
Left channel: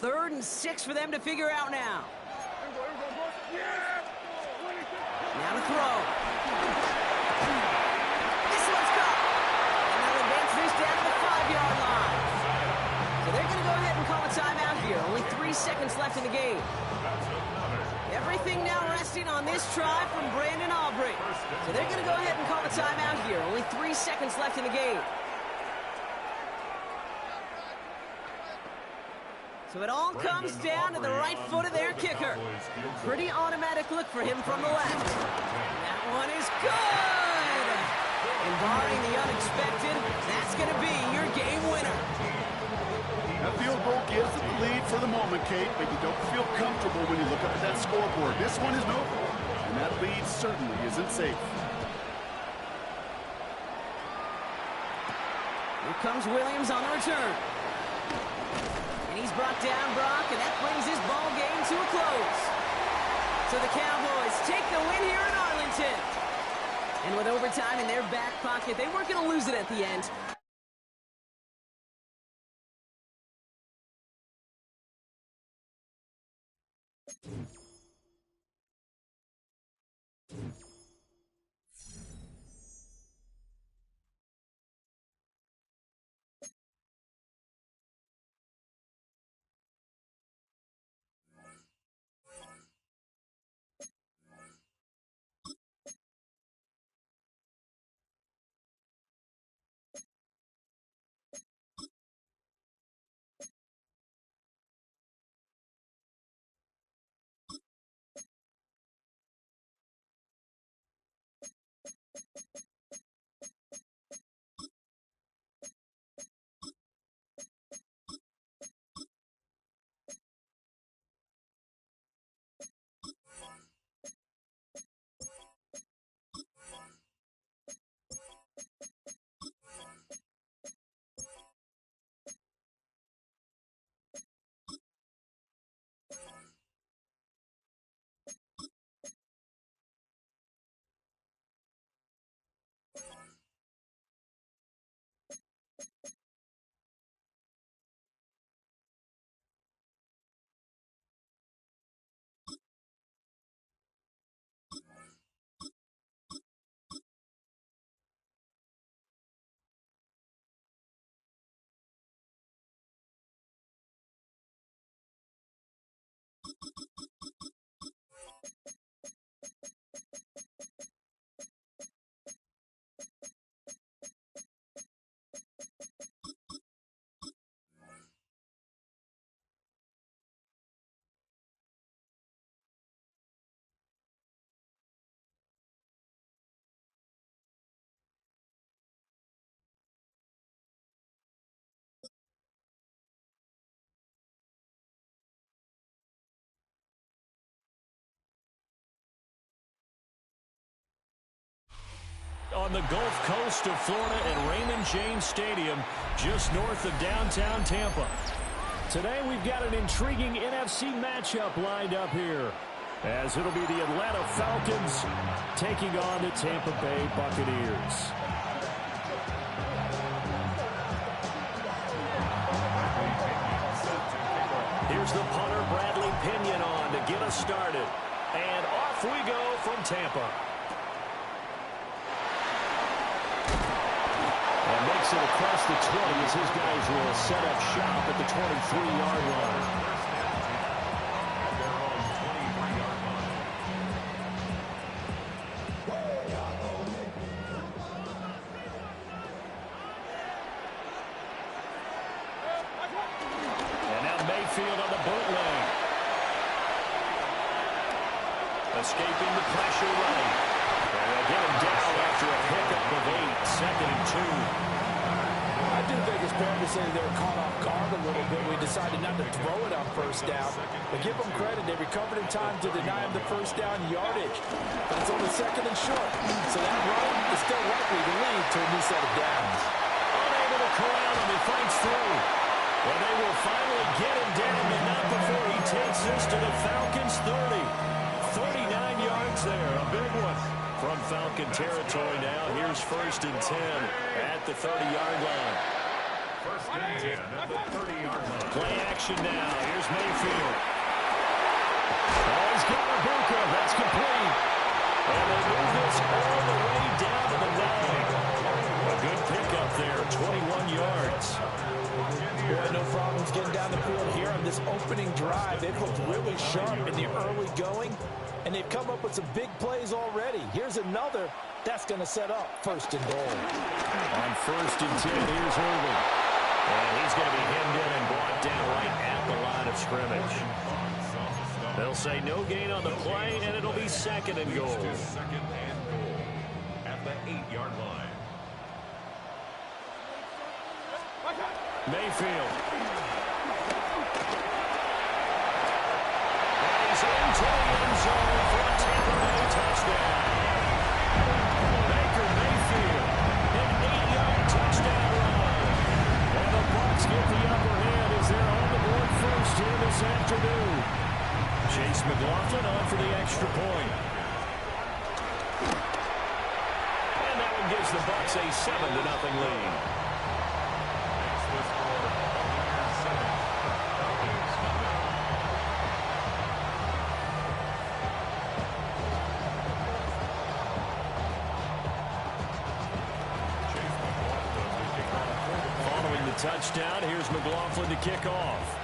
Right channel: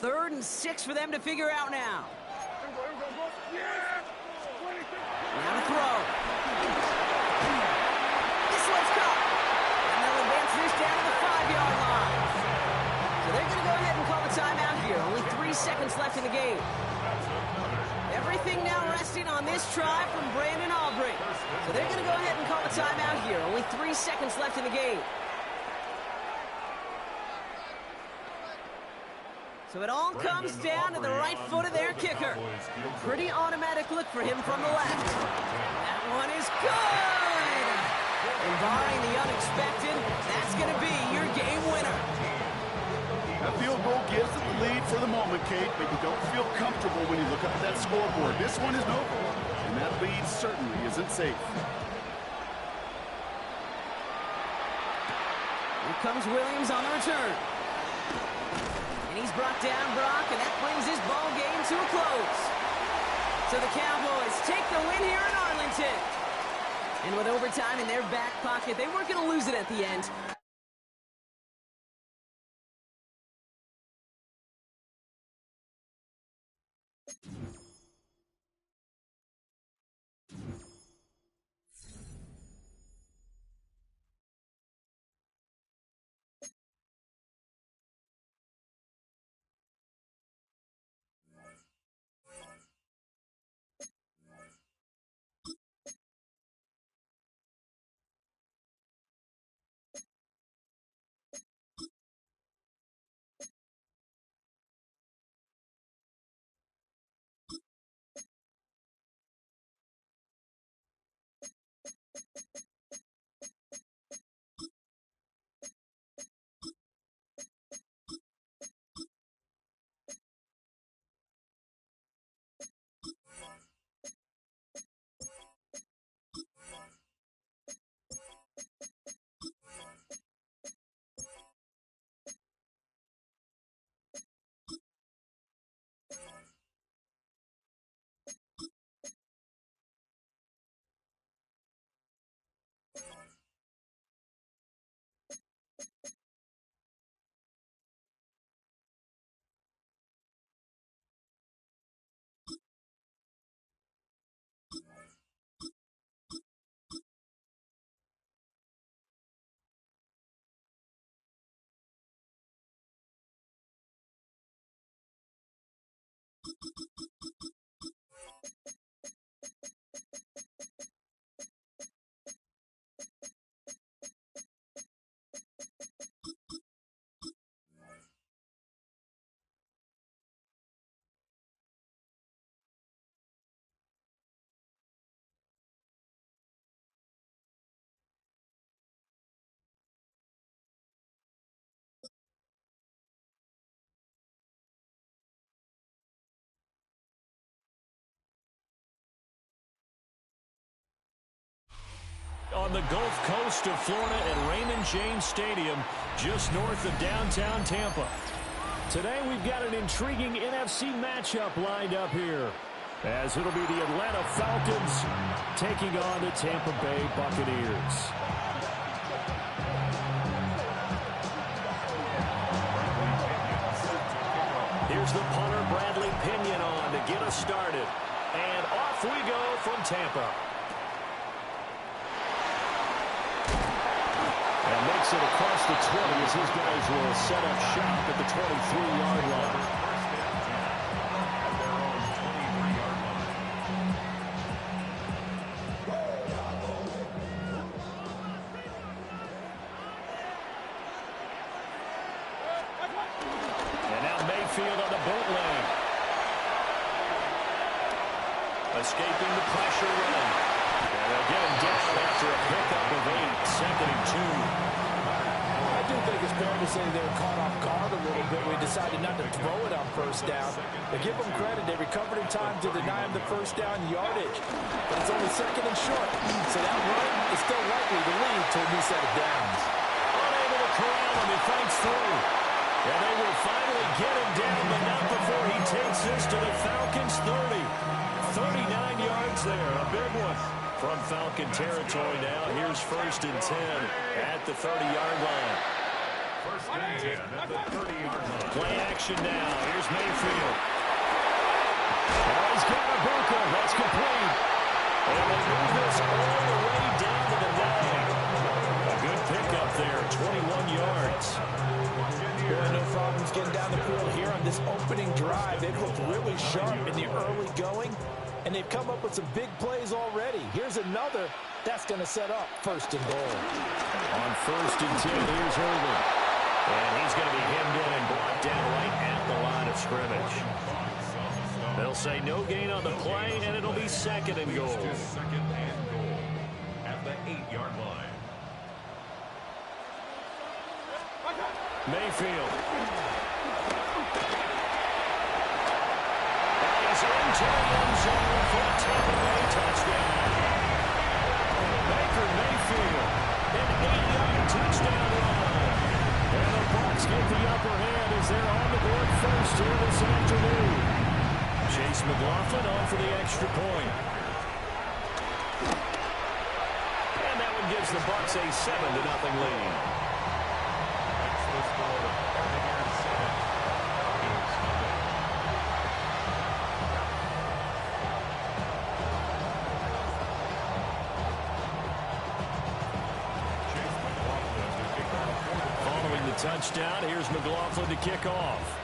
Third and 6 for them to figure out now. Now to throw. This one's caught. And they'll advance this down to the 5-yard line. So they're going to go ahead and call a timeout here. Only 3 seconds left in the game. Everything now resting on this try from Brandon Aubrey. So they're going to go ahead and call a timeout here. Only 3 seconds left in the game. So it all comes down to the right foot of their kicker. Pretty automatic look for him from the left. That one is good! And barring the unexpected, that's going to be your game winner. That field goal gives it the lead for the moment, Kate, but you don't feel comfortable when you look up at that scoreboard. This one isn't over, and that lead certainly isn't safe. Here comes Williams on the return. And he's brought down, Brock, and that brings his ball game to a close. So the Cowboys take the win here in Arlington. And with overtime in their back pocket, they weren't going to lose it at the end. On the Gulf Coast of Florida at Raymond James Stadium, just north of downtown Tampa. Today we've got an intriguing NFC matchup lined up here, as it'll be the Atlanta Falcons taking on the Tampa Bay Buccaneers. Here's the punter, Bradley Pinion, on to get us started. And off we go from Tampa. And makes it across the 20 as his guys will set up shop at the 23-yard line. At their own 23-yard line. And now Mayfield on the bootleg. Escaping the pressure right. And they'll get him down after a pickup of 8, 2nd and 2. I do think it's fair to say they were caught off guard a little bit. We decided not to throw it on first down. But give them credit. They recovered in time to deny him the first down yardage. But it's only 2nd and short. So that run is still likely to lead to a new set of downs. Unable to corral him. He fights through. And they will finally get him down, but not before he takes this to the Falcons' 30. 39 yards there. A big one. From Falcon territory now, here's 1st and 10 at the 30-yard line. 1st and 10 at the 30-yard line. Play action now. Here's Mayfield. Oh, he's got Ibuka. That's complete. And they move this all the way down to the 9. A good pickup there, 21 yards. Boy, no problems getting down the field here on this opening drive. They've looked really sharp in the early going, and they've come up with some big plays already. Here's another that's going to set up 1st and goal. On 1st and 10, here's Irvin. And he's going to be hemmed in and brought down right at the line of scrimmage. They'll say no gain on the play, and it'll be 2nd and goal. 2nd and goal at the 8-yard line. Mayfield. And he's into the end zone for a Tampa Bay touchdown. Baker Mayfield, an 8-yard touchdown run. And the Bucs get the upper hand as they're on the board first here this afternoon. Chase McLaughlin on for the extra point. gives the Bucs a 7-0 lead. Makes the score Buccaneers 7, Falcons nothing. Chase McLaughlin to kick off for the Buccaneers. Following the touchdown, here's McLaughlin to kick off.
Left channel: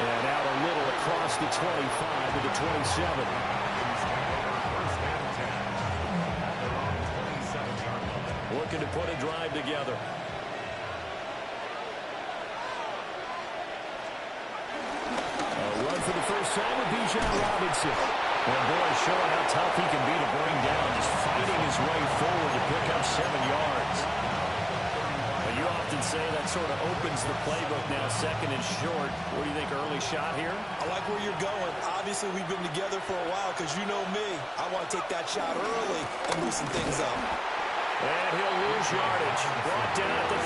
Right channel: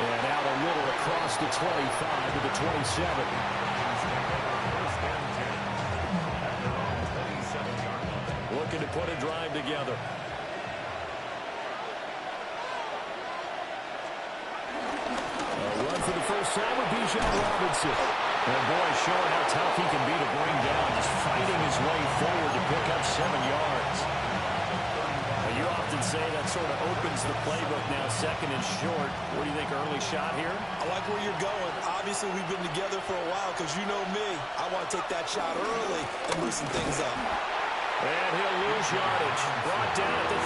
And out a little across the 25 to the 27. First and 10 at their own 27-yard line. Looking to put a drive together. A run for the first time with Bijan Robinson. And boy, showing how tough he can be to bring down, just fighting his way forward to pick up 7 yards. But you often say that sort of opens the playbook now, second and short. What do you think, early shot here? I like where you're going. Obviously, we've been together for a while because you know me. I want to take that shot early and loosen things up. And he'll lose yardage. Brought down at the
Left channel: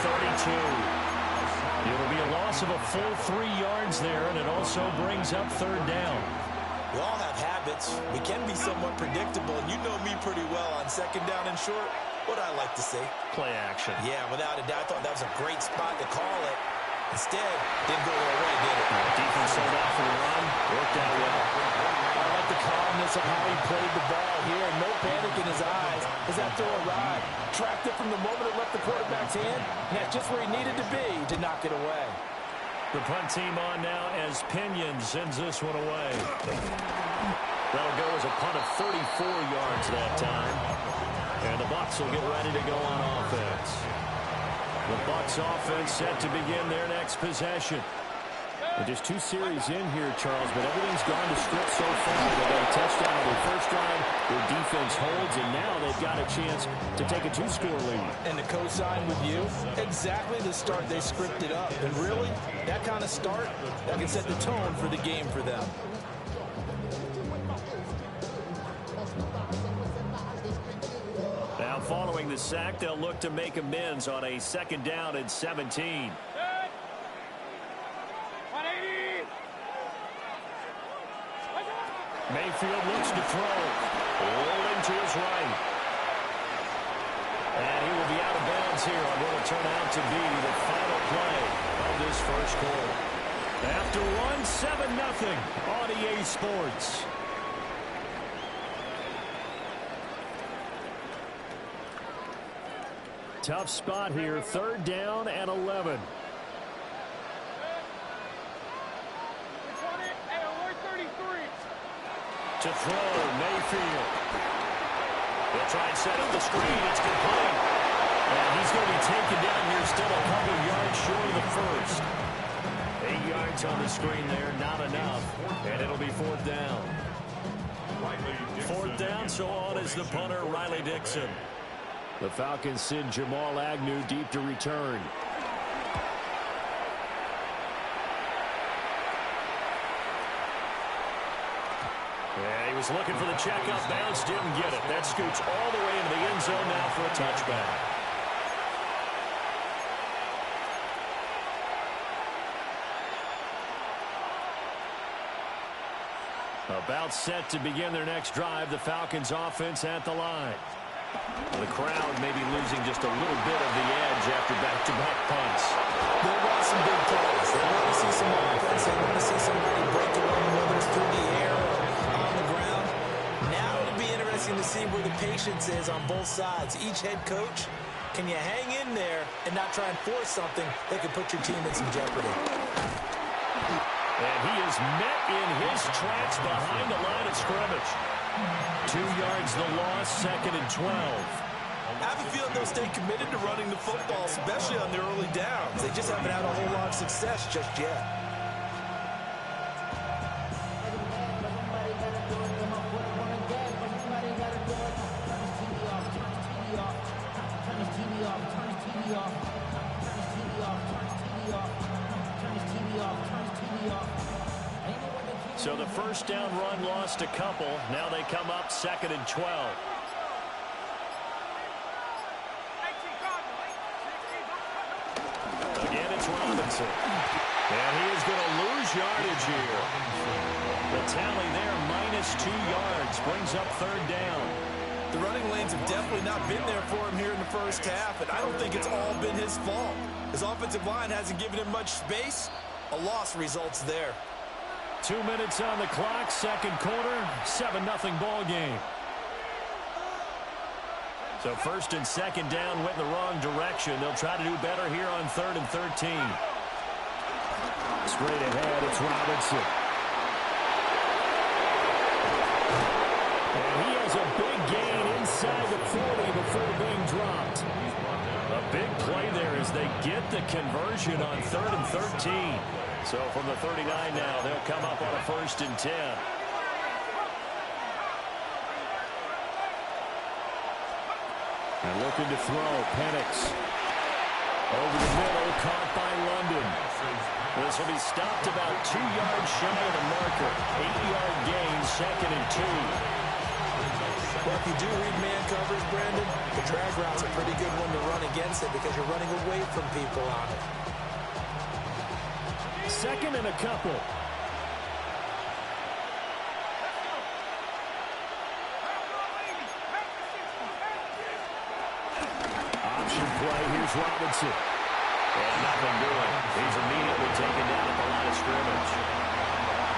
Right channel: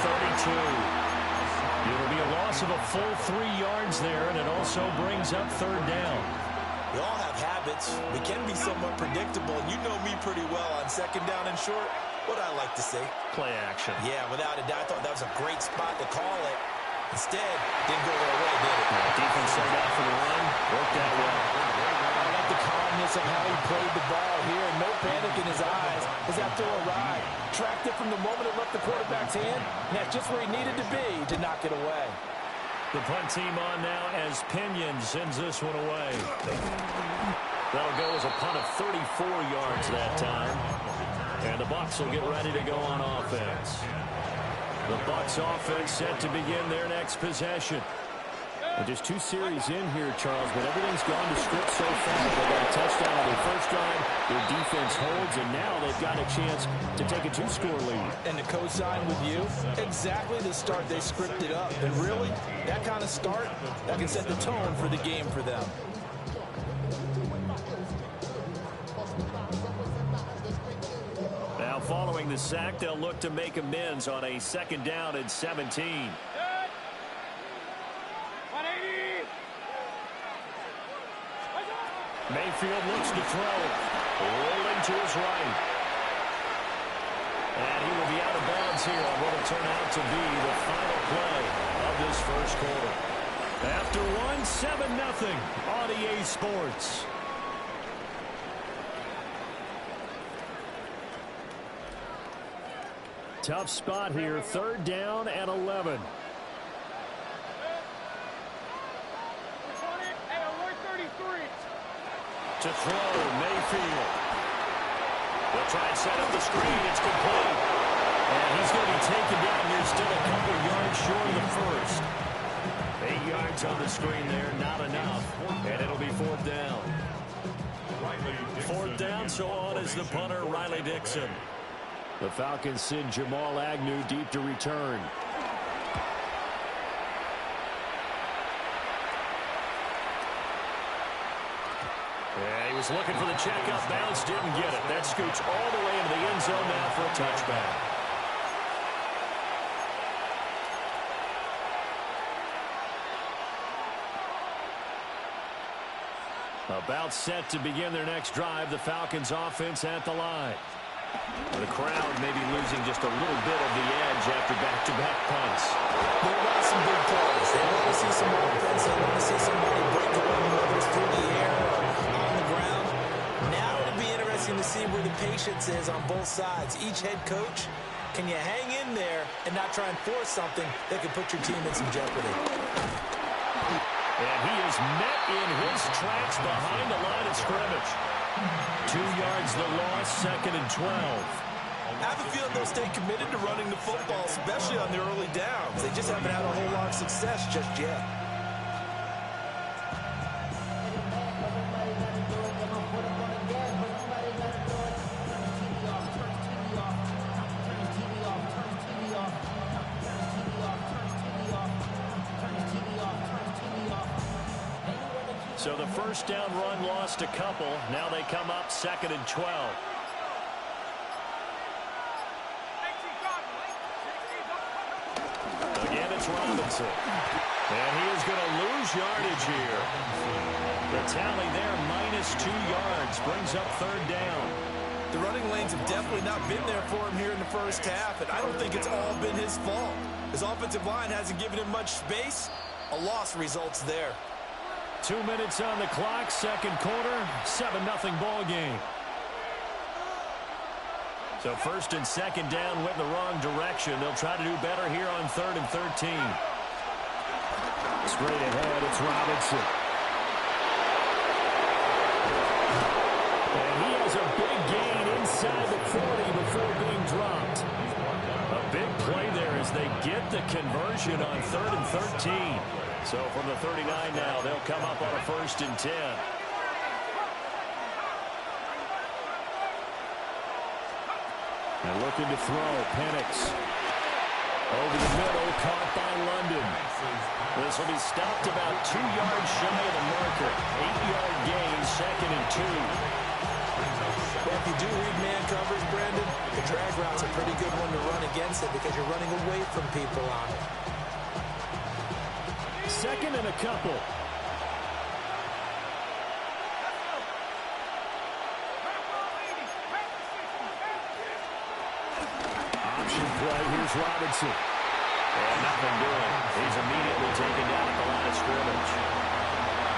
32. It'll be a loss of a full 3 yards there, and it also brings up third down. We all have habits. We can be somewhat predictable, and you know me pretty well on second down and short. What I like to see. Play action. Yeah, without a doubt, I thought that was a great spot to call it. Instead, didn't go their way, did it? Defense sold out for the run. Worked out well. I like the calmness of how he played the ball here. No panic in his eyes as that throw arrived. Tracked it from the moment it left the quarterback's hand, and that's just where he needed to be to knock it away. The punt team on now as Pinion sends this one away. That'll go as a punt of 34 yards that time. And the Bucs will get ready to go on offense. The Bucs offense set to begin their next possession. And just 2 series in here, Charles, but everything's gone to script so far. They got a touchdown on their first drive. Their defense holds, and now they've got a chance to take a 2-score lead. And to co-sign with you, exactly the start they scripted up. And really, that kind of start, that can set the tone for the game for them. Now following the sack, they'll look to make amends on a second down and 17. Mayfield looks to throw. Rolling to his right. And he will be out of bounds here on what will turn out to be the final play of this first quarter. After one, 7-0 on EA Sports. Tough spot here, third down and 11. To throw, Mayfield. They'll try and set up the screen. It's complete. And he's going to be taken down here, still a couple yards short of the first. 8 yards on the screen there, not enough. And it'll be fourth down. Fourth down, so on is the punter, Riley Dixon. The Falcons send Jamal Agnew deep to return. Yeah, he was looking for the checkup bounce, didn't get it. That scoots all the way into the end zone now for a touchback. About set to begin their next drive, the Falcons offense at the line. The crowd may be losing just a little bit of the edge after back-to-back punts. They want some big plays. They want to see some offense. They want to see somebody break away, whether it's through the air or on the ground. Now it'll be interesting to see where the patience is on both sides. Each head coach, can you hang in there and not try and force something that could put your team in some jeopardy? And he is met in his tracks behind the line of scrimmage. 2 yards the loss, second and 12. I have a feeling they'll stay committed to running the football, especially on the early downs. They just haven't had a whole lot of success just yet. So the first down run lost a couple. Now they come up second and 12. Again, it's Robinson. And he is going to lose yardage here. The tally there, -2 yards, brings up third down. The running lanes have definitely not been there for him here in the first half, and I don't think it's all been his fault. His offensive line hasn't given him much space. A loss results there. 2 minutes on the clock, second quarter, 7-0 ball game. So first and second down went in the wrong direction. They'll try to do better here on 3rd and 13. Straight ahead, it's Robinson. And he has a big gain inside the 40 before being dropped. A big play there as they get the conversion on 3rd and 13. So from the 39 now, they'll come up on a 1st and 10. And looking to throw, Penix. Over the middle, caught by London. This will be stopped about 2 yards shy of the marker. 8-yard gain, 2nd and 2. Well, if you do read man coverage, Brandon, the drag route's a pretty good one to run against it because you're running away from people on it. 2nd and a couple. Option play, here's Robinson. And nothing doing. He's immediately taken down at the line of scrimmage.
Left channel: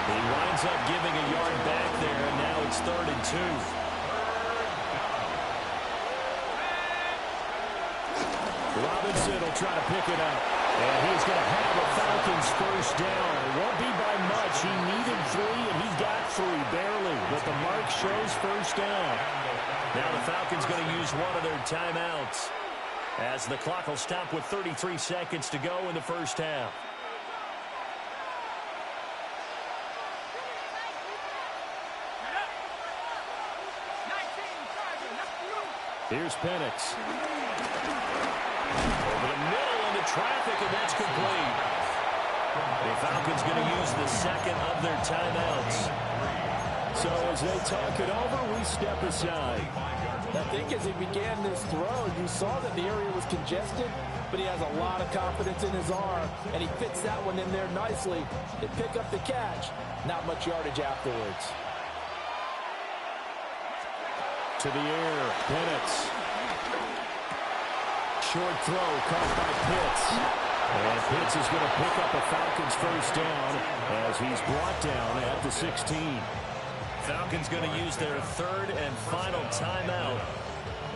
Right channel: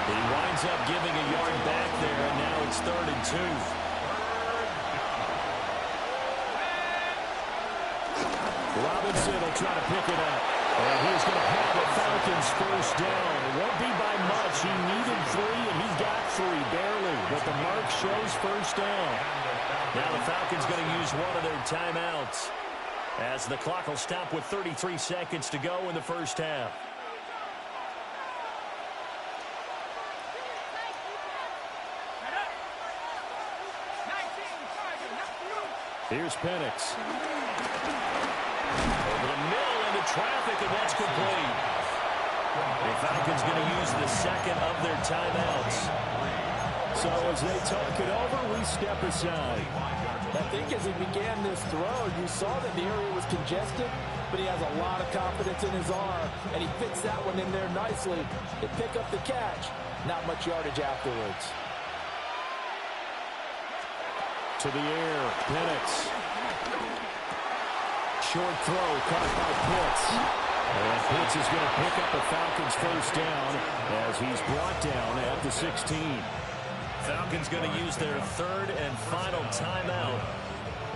He winds up giving a yard back there, and now it's 3rd and 2. Robinson will try to pick it up. And he's going to have a Falcons first down. It won't be by much. He needed 3, and he got 3, barely. But the mark shows first down. Now the Falcons going to use one of their timeouts, as the clock will stop with 33 seconds to go in the first half. Here's Penix. Over the middle into traffic, and that's complete. The Falcons going to use the second of their timeouts. So as they talk it over, we step aside. I think as he began this throw, you saw that the area was congested, but he has a lot of confidence in his arm, and he fits that one in there nicely. They pick up the catch. Not much yardage afterwards. To the air, Penix. Short throw caught by Pitts. And Pitts is going to pick up a Falcons first down as he's brought down at the 16. Falcons going to use their 3rd and final timeout.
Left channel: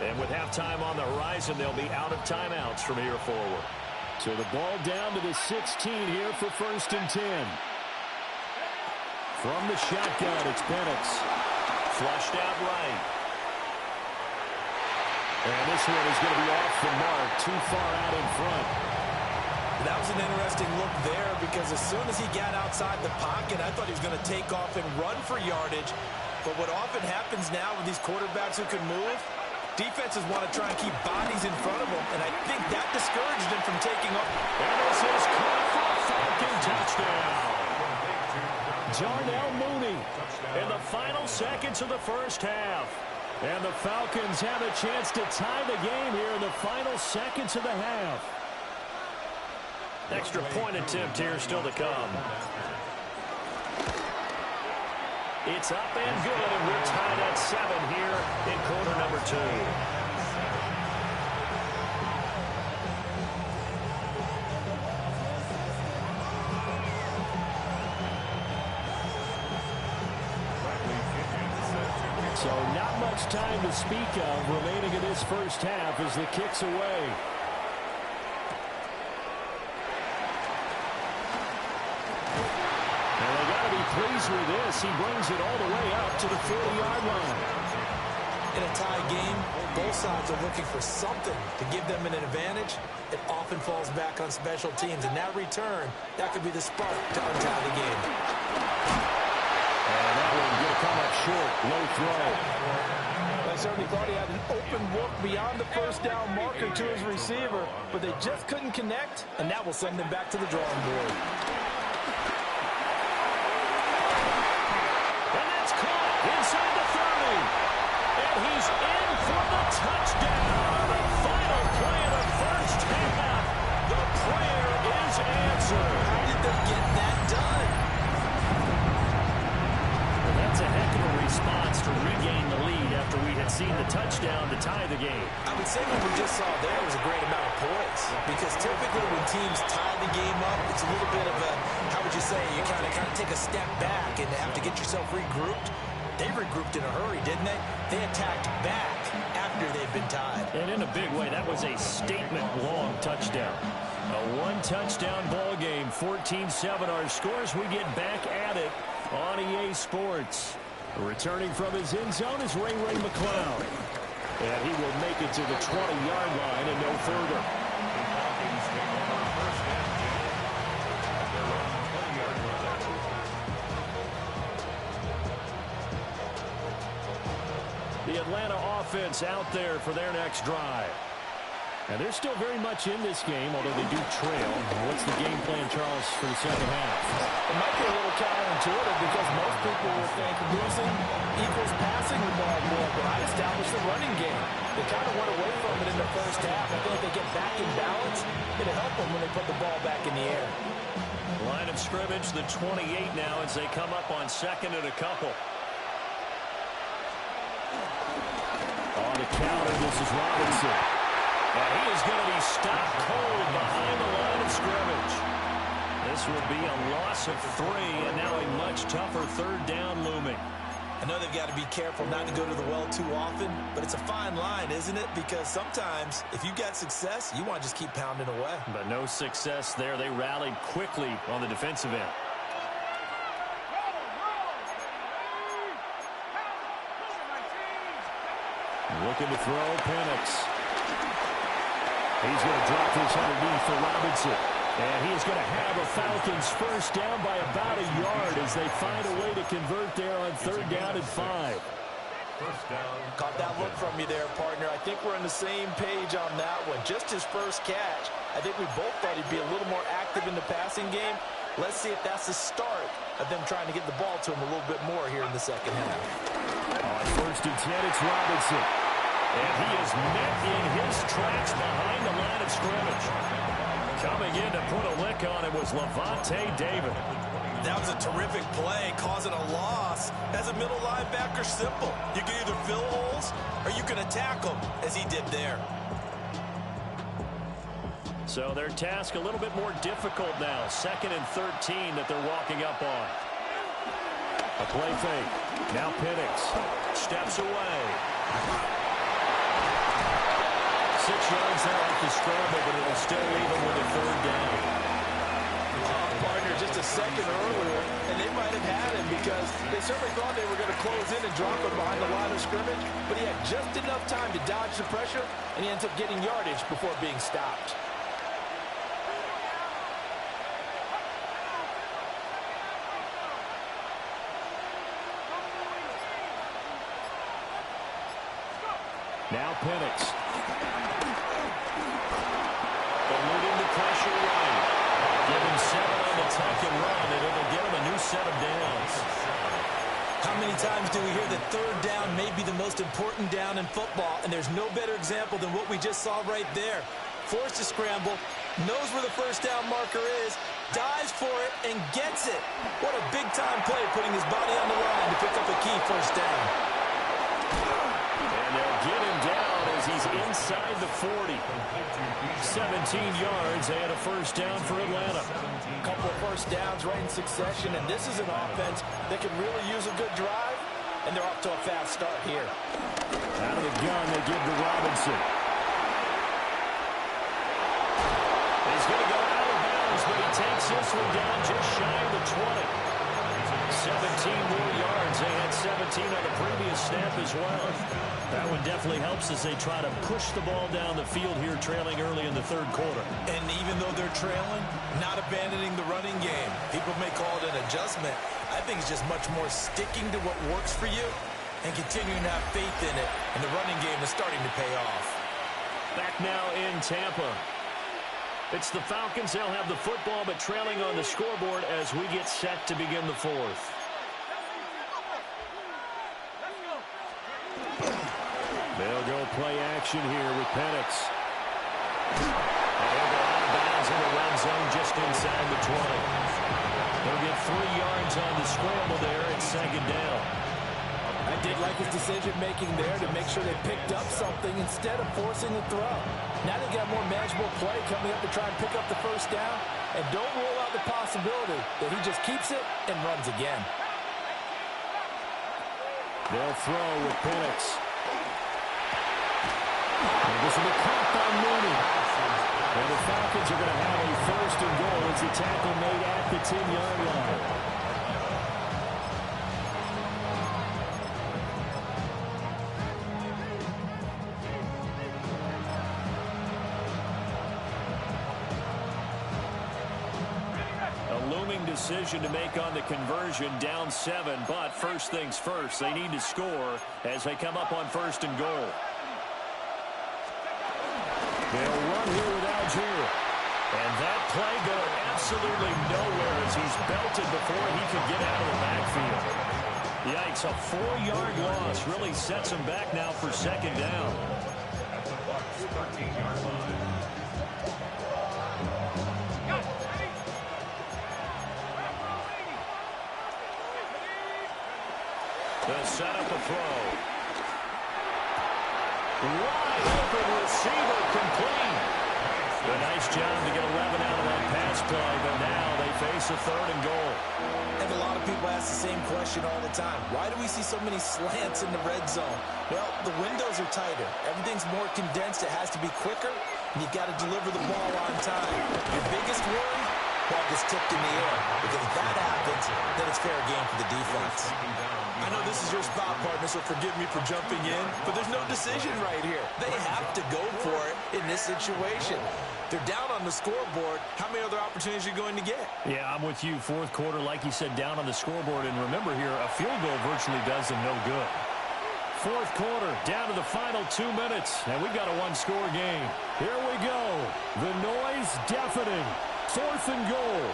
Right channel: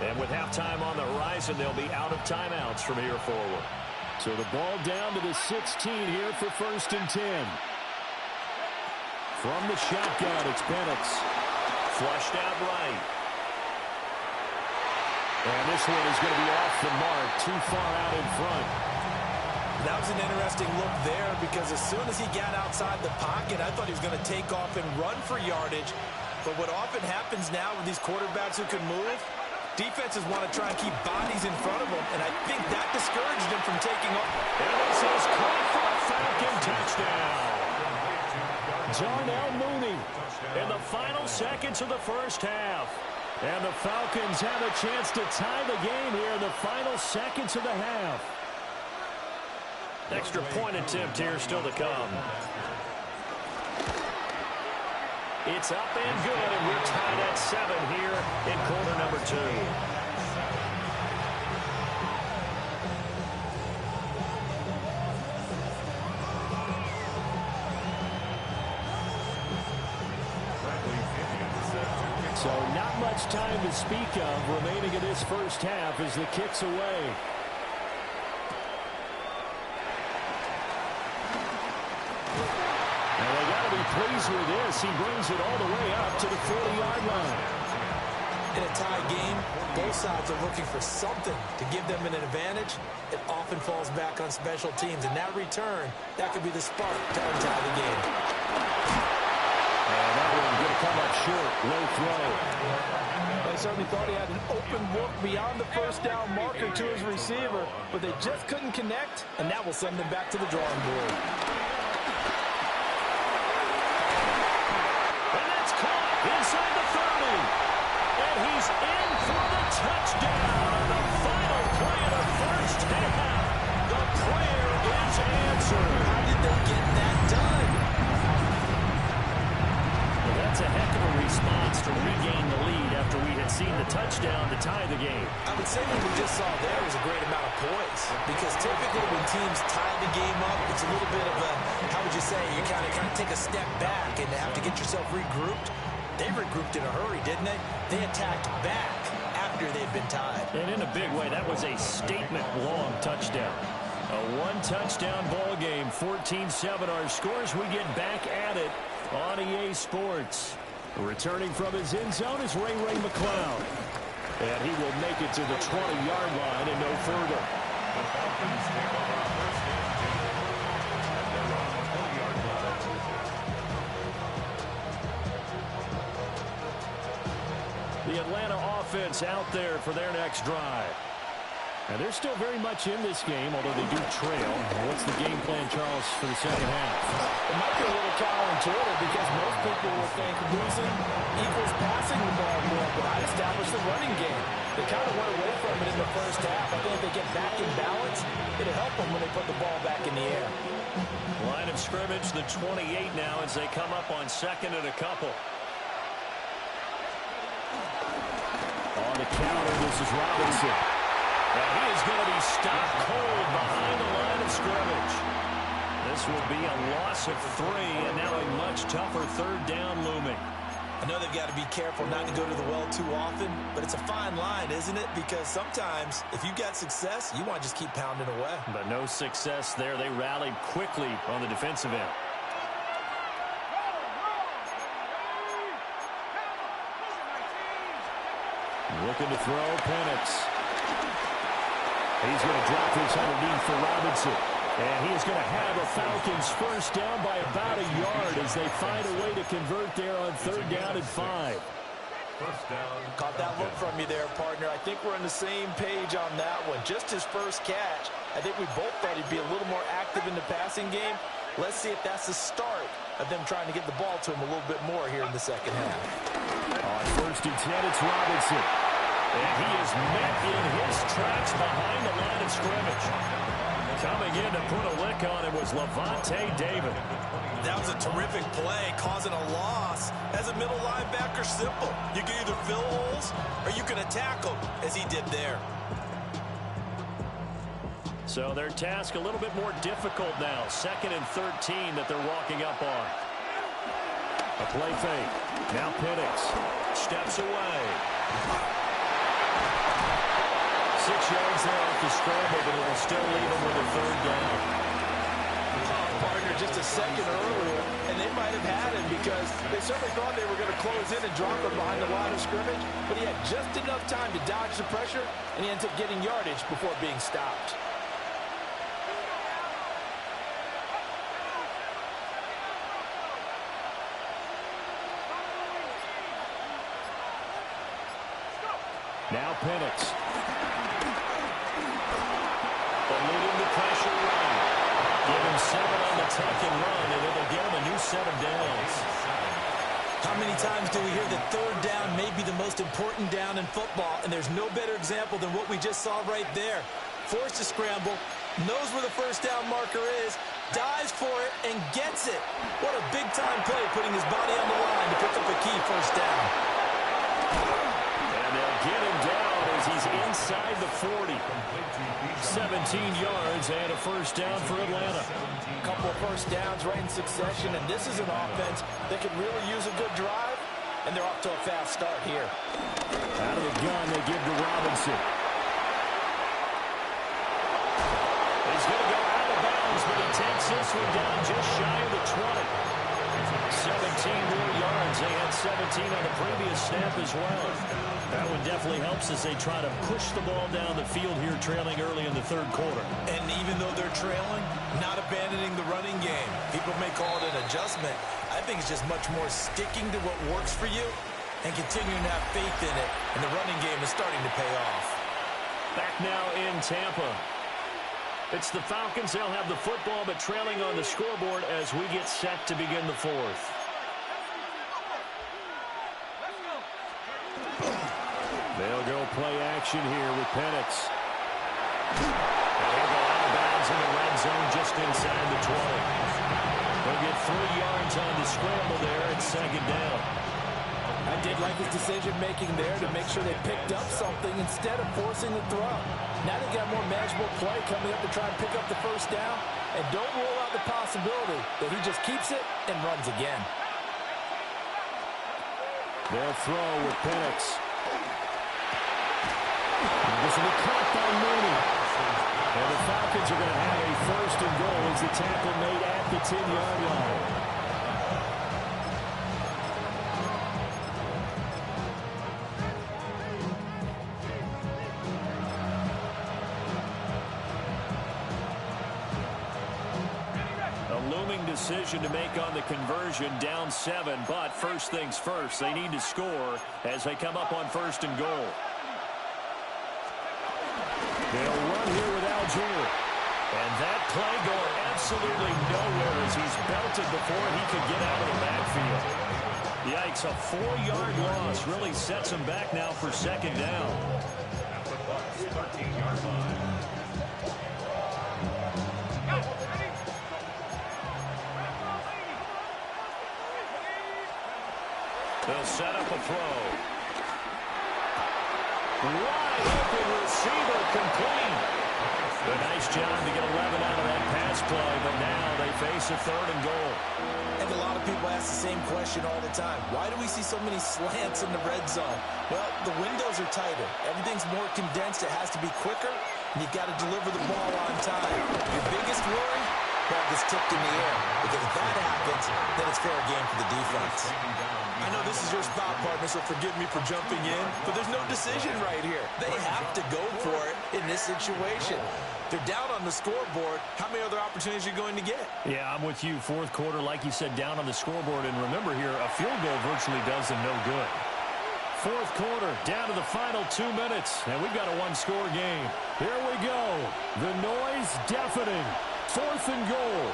And with halftime on the horizon, they'll be out of timeouts from here forward. So the ball down to the 16 here for 1st and 10. From the shotgun, it's Penix. Flushed out right. And this one is going to be off the mark, too far out in front. That was an interesting look there because as soon as he got outside the pocket, I thought he was going to take off and run for yardage. But what often happens now with these quarterbacks who can move, defenses want to try and keep bodies in front of them, and I think that discouraged him from taking off. And this is caught for a Falcon touchdown. Darnell Mooney in the final seconds of the first half. And the Falcons have a chance to tie the game here in the final seconds of the half. Extra point attempt here still to come. It's up and good, and we're tied at 7 here in quarter number 2. So not much time to speak of remaining in this first half as the kick's away. And they got to be pleased with this. He brings it all the way up to the 40-yard line. In a tie game, both sides are looking for something to give them an advantage. It often falls back on special teams. And that return, that could be the spark to untie the game. And that one going to come up short. Low throw. I certainly thought he had an open look beyond the first down marker to his receiver, but they just couldn't connect, and that will send them back to the drawing board. And that's caught inside the 30. And he's in for the touchdown on the final play of the first half. The prayer is answered. How did they get that done? Well, that's a heck of a response to regain the lead after we had seen the touchdown to tie the game. I would say what we just saw there was a great amount of poise, because typically when teams tie the game up, it's a little bit of a, how would you say, you kind of take a step back and have to get yourself regrouped. They regrouped in a hurry, didn't they? They attacked back after they'd been tied. And in a big way, that was a statement-long touchdown. A one-touchdown ball game, 14-7 our scores. We get back at it on EA Sports. Returning from his end zone is Ray McCloud. And he will make it to the 20-yard line and no further. The Falcons take over first and 10 at their own 20-yard line. The Atlanta offense out there for their next drive. And they're still very much in this game, although they do trail. What's the game plan, Charles, for the second half? It might be a little counterintuitive, because most people will think losing equals passing the ball more, but I'd establish the running game. They kind of went away from it in the first half. I think if they get back in balance, it'll help them when they put the ball back in the air. Line of scrimmage, the 28 now, as they come up on second and a couple. On the counter, this is Robinson. And he is going to be stopped cold behind the line of scrimmage. This will be a loss of 3, and now a much tougher third down looming. I know they've got to be careful not to go to the well too often, but it's a fine line, isn't it? Because sometimes, if you've got success, you want to just keep pounding away. But no success there. They rallied quickly on the defensive end. Looking to throw, Penix. He's going to drop this underneath for Robinson. And he is going to have a Falcons first down by about a yard as they find a way to convert there on third down and 5. First down. Caught that look from you there, partner. I think we're on the same page on that one. Just his first catch. I think we both thought he'd be a little more active in the passing game. Let's see if that's the start of them trying to get the ball to him a little bit more here in the second half. On first and 10, it's Robinson. And he is met in his tracks behind the line of scrimmage. Coming in to put a lick on it was Levante David. That was a terrific play, causing a loss. As a middle linebacker, simple. You can either fill holes or you can attack them, as he did there. So their task a little bit more difficult now. 2nd and 13 that they're walking up on. A play fake. Now Penix steps away. 6 yards there off the scramble, but it will still leave them with a third down. Partner, just a second earlier, and they might have had him because they certainly thought they were going to close in and drop him behind the line of scrimmage, but he had just enough time to dodge the pressure, and he ends up getting yardage before being stopped. Now Penix. Eluding the pressure run. Give him 7 on the tuck and run, and it'll get him a new set of downs. How many times do we hear that third down may be the most important down in football, and there's no better example than what we just saw right there. Forced to scramble, knows where the first down marker is, dives for it, and gets it. What a big-time play, putting his body on the line to pick up a key first down. And they'll get him down as he's inside the 40. 17 yards and a first down for Atlanta. A couple of first downs right in succession, and this is an offense that could really use a good drive, and they're off to a fast start here. Out of the gun, they give to Robinson. He's going to go out of bounds, but he takes this one down just shy of the 20. 17 more yards. They had 17 on the previous snap as well. That one definitely helps as they try to push the ball down the field here, trailing early in the third quarter. And even though they're trailing, not abandoning the running game. People may call it an adjustment. I think it's just much more sticking to what works for you and continuing to have faith in it. And the running game is starting to pay off. Back now in Tampa. It's the Falcons. They'll have the football, but trailing on the scoreboard as we get set to begin the fourth. They'll go play action here with Penix. And he'll go out of bounds in the red zone just inside the 20. They'll get 3 yards on the scramble there at second down. I did like his decision-making there to make sure they picked up something instead of forcing the throw. Now they got more manageable play coming up to try and pick up the first down. And don't rule out the possibility that he just keeps it and runs again. They'll throw with Penix. And this will be caught by Mooney. And the Falcons are going to have a first and goal as the tackle made at the 10-yard line. Decision to make on the conversion, down 7, but first things first, they need to score as they come up on first and goal. They'll run here with Algier. And that play going absolutely nowhere as he's belted before he could get out of the backfield. Yikes, a 4-yard loss really sets him back now for second down. At the Bucs 13-yard line. They'll set up a throw. Wide open receiver complete. A nice job to get 11 out of that pass play, but now they face a third and goal. And a lot of people ask the same question all the time. Why do we see so many slants in the red zone? Well, the windows are tighter. Everything's more condensed. It has to be quicker, and you've got to deliver the ball on time. Your biggest worry? Ball gets tipped in the air. Because if that happens, then it's fair game for the defense. I know this is your spot, partner, so forgive me for jumping in, but there's no decision right here. They have to go for it in this situation. They're down on the scoreboard. How many other opportunities are you going to get? Yeah, I'm with you. Fourth quarter, like you said, down on the scoreboard. And remember here, a field goal virtually does them no good. Fourth quarter, down to the final 2 minutes, and we've got a one-score game. Here we go. The noise deafening. Fourth and goal.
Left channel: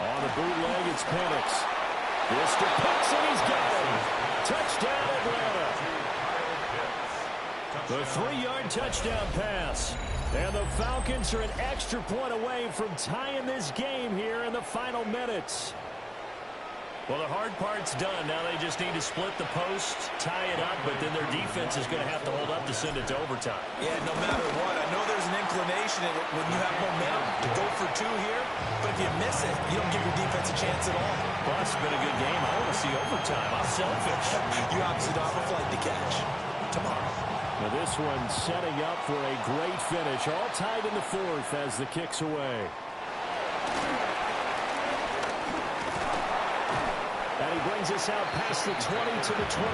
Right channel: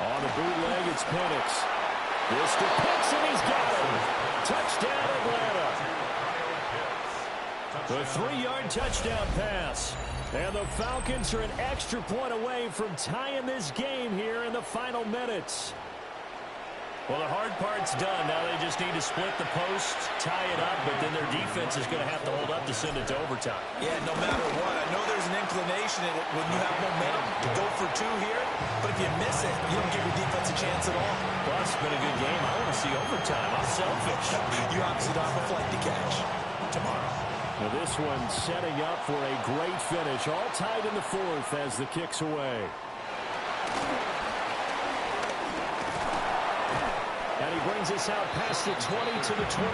On the bootleg, it's Penix. This to Pitts, and he's got him. Touchdown, Atlanta. The 3-yard touchdown pass. And the Falcons are an extra point away from tying this game here in the final minutes. Well, the hard part's done. Now they just need to split the post, tie it up, but then their defense is going to have to hold up to send it to overtime. Yeah, no matter what. I know there's an inclination in it when you have momentum to go for 2 here, but if you miss it, you don't give your defense a chance at all. Well, it's been a good game. I want to see overtime. I'm selfish. You obviously don't have a flight to catch tomorrow. Now this one setting up for a great finish. All tied in the fourth as the kick's away. And he brings us out past the 20 to the 24.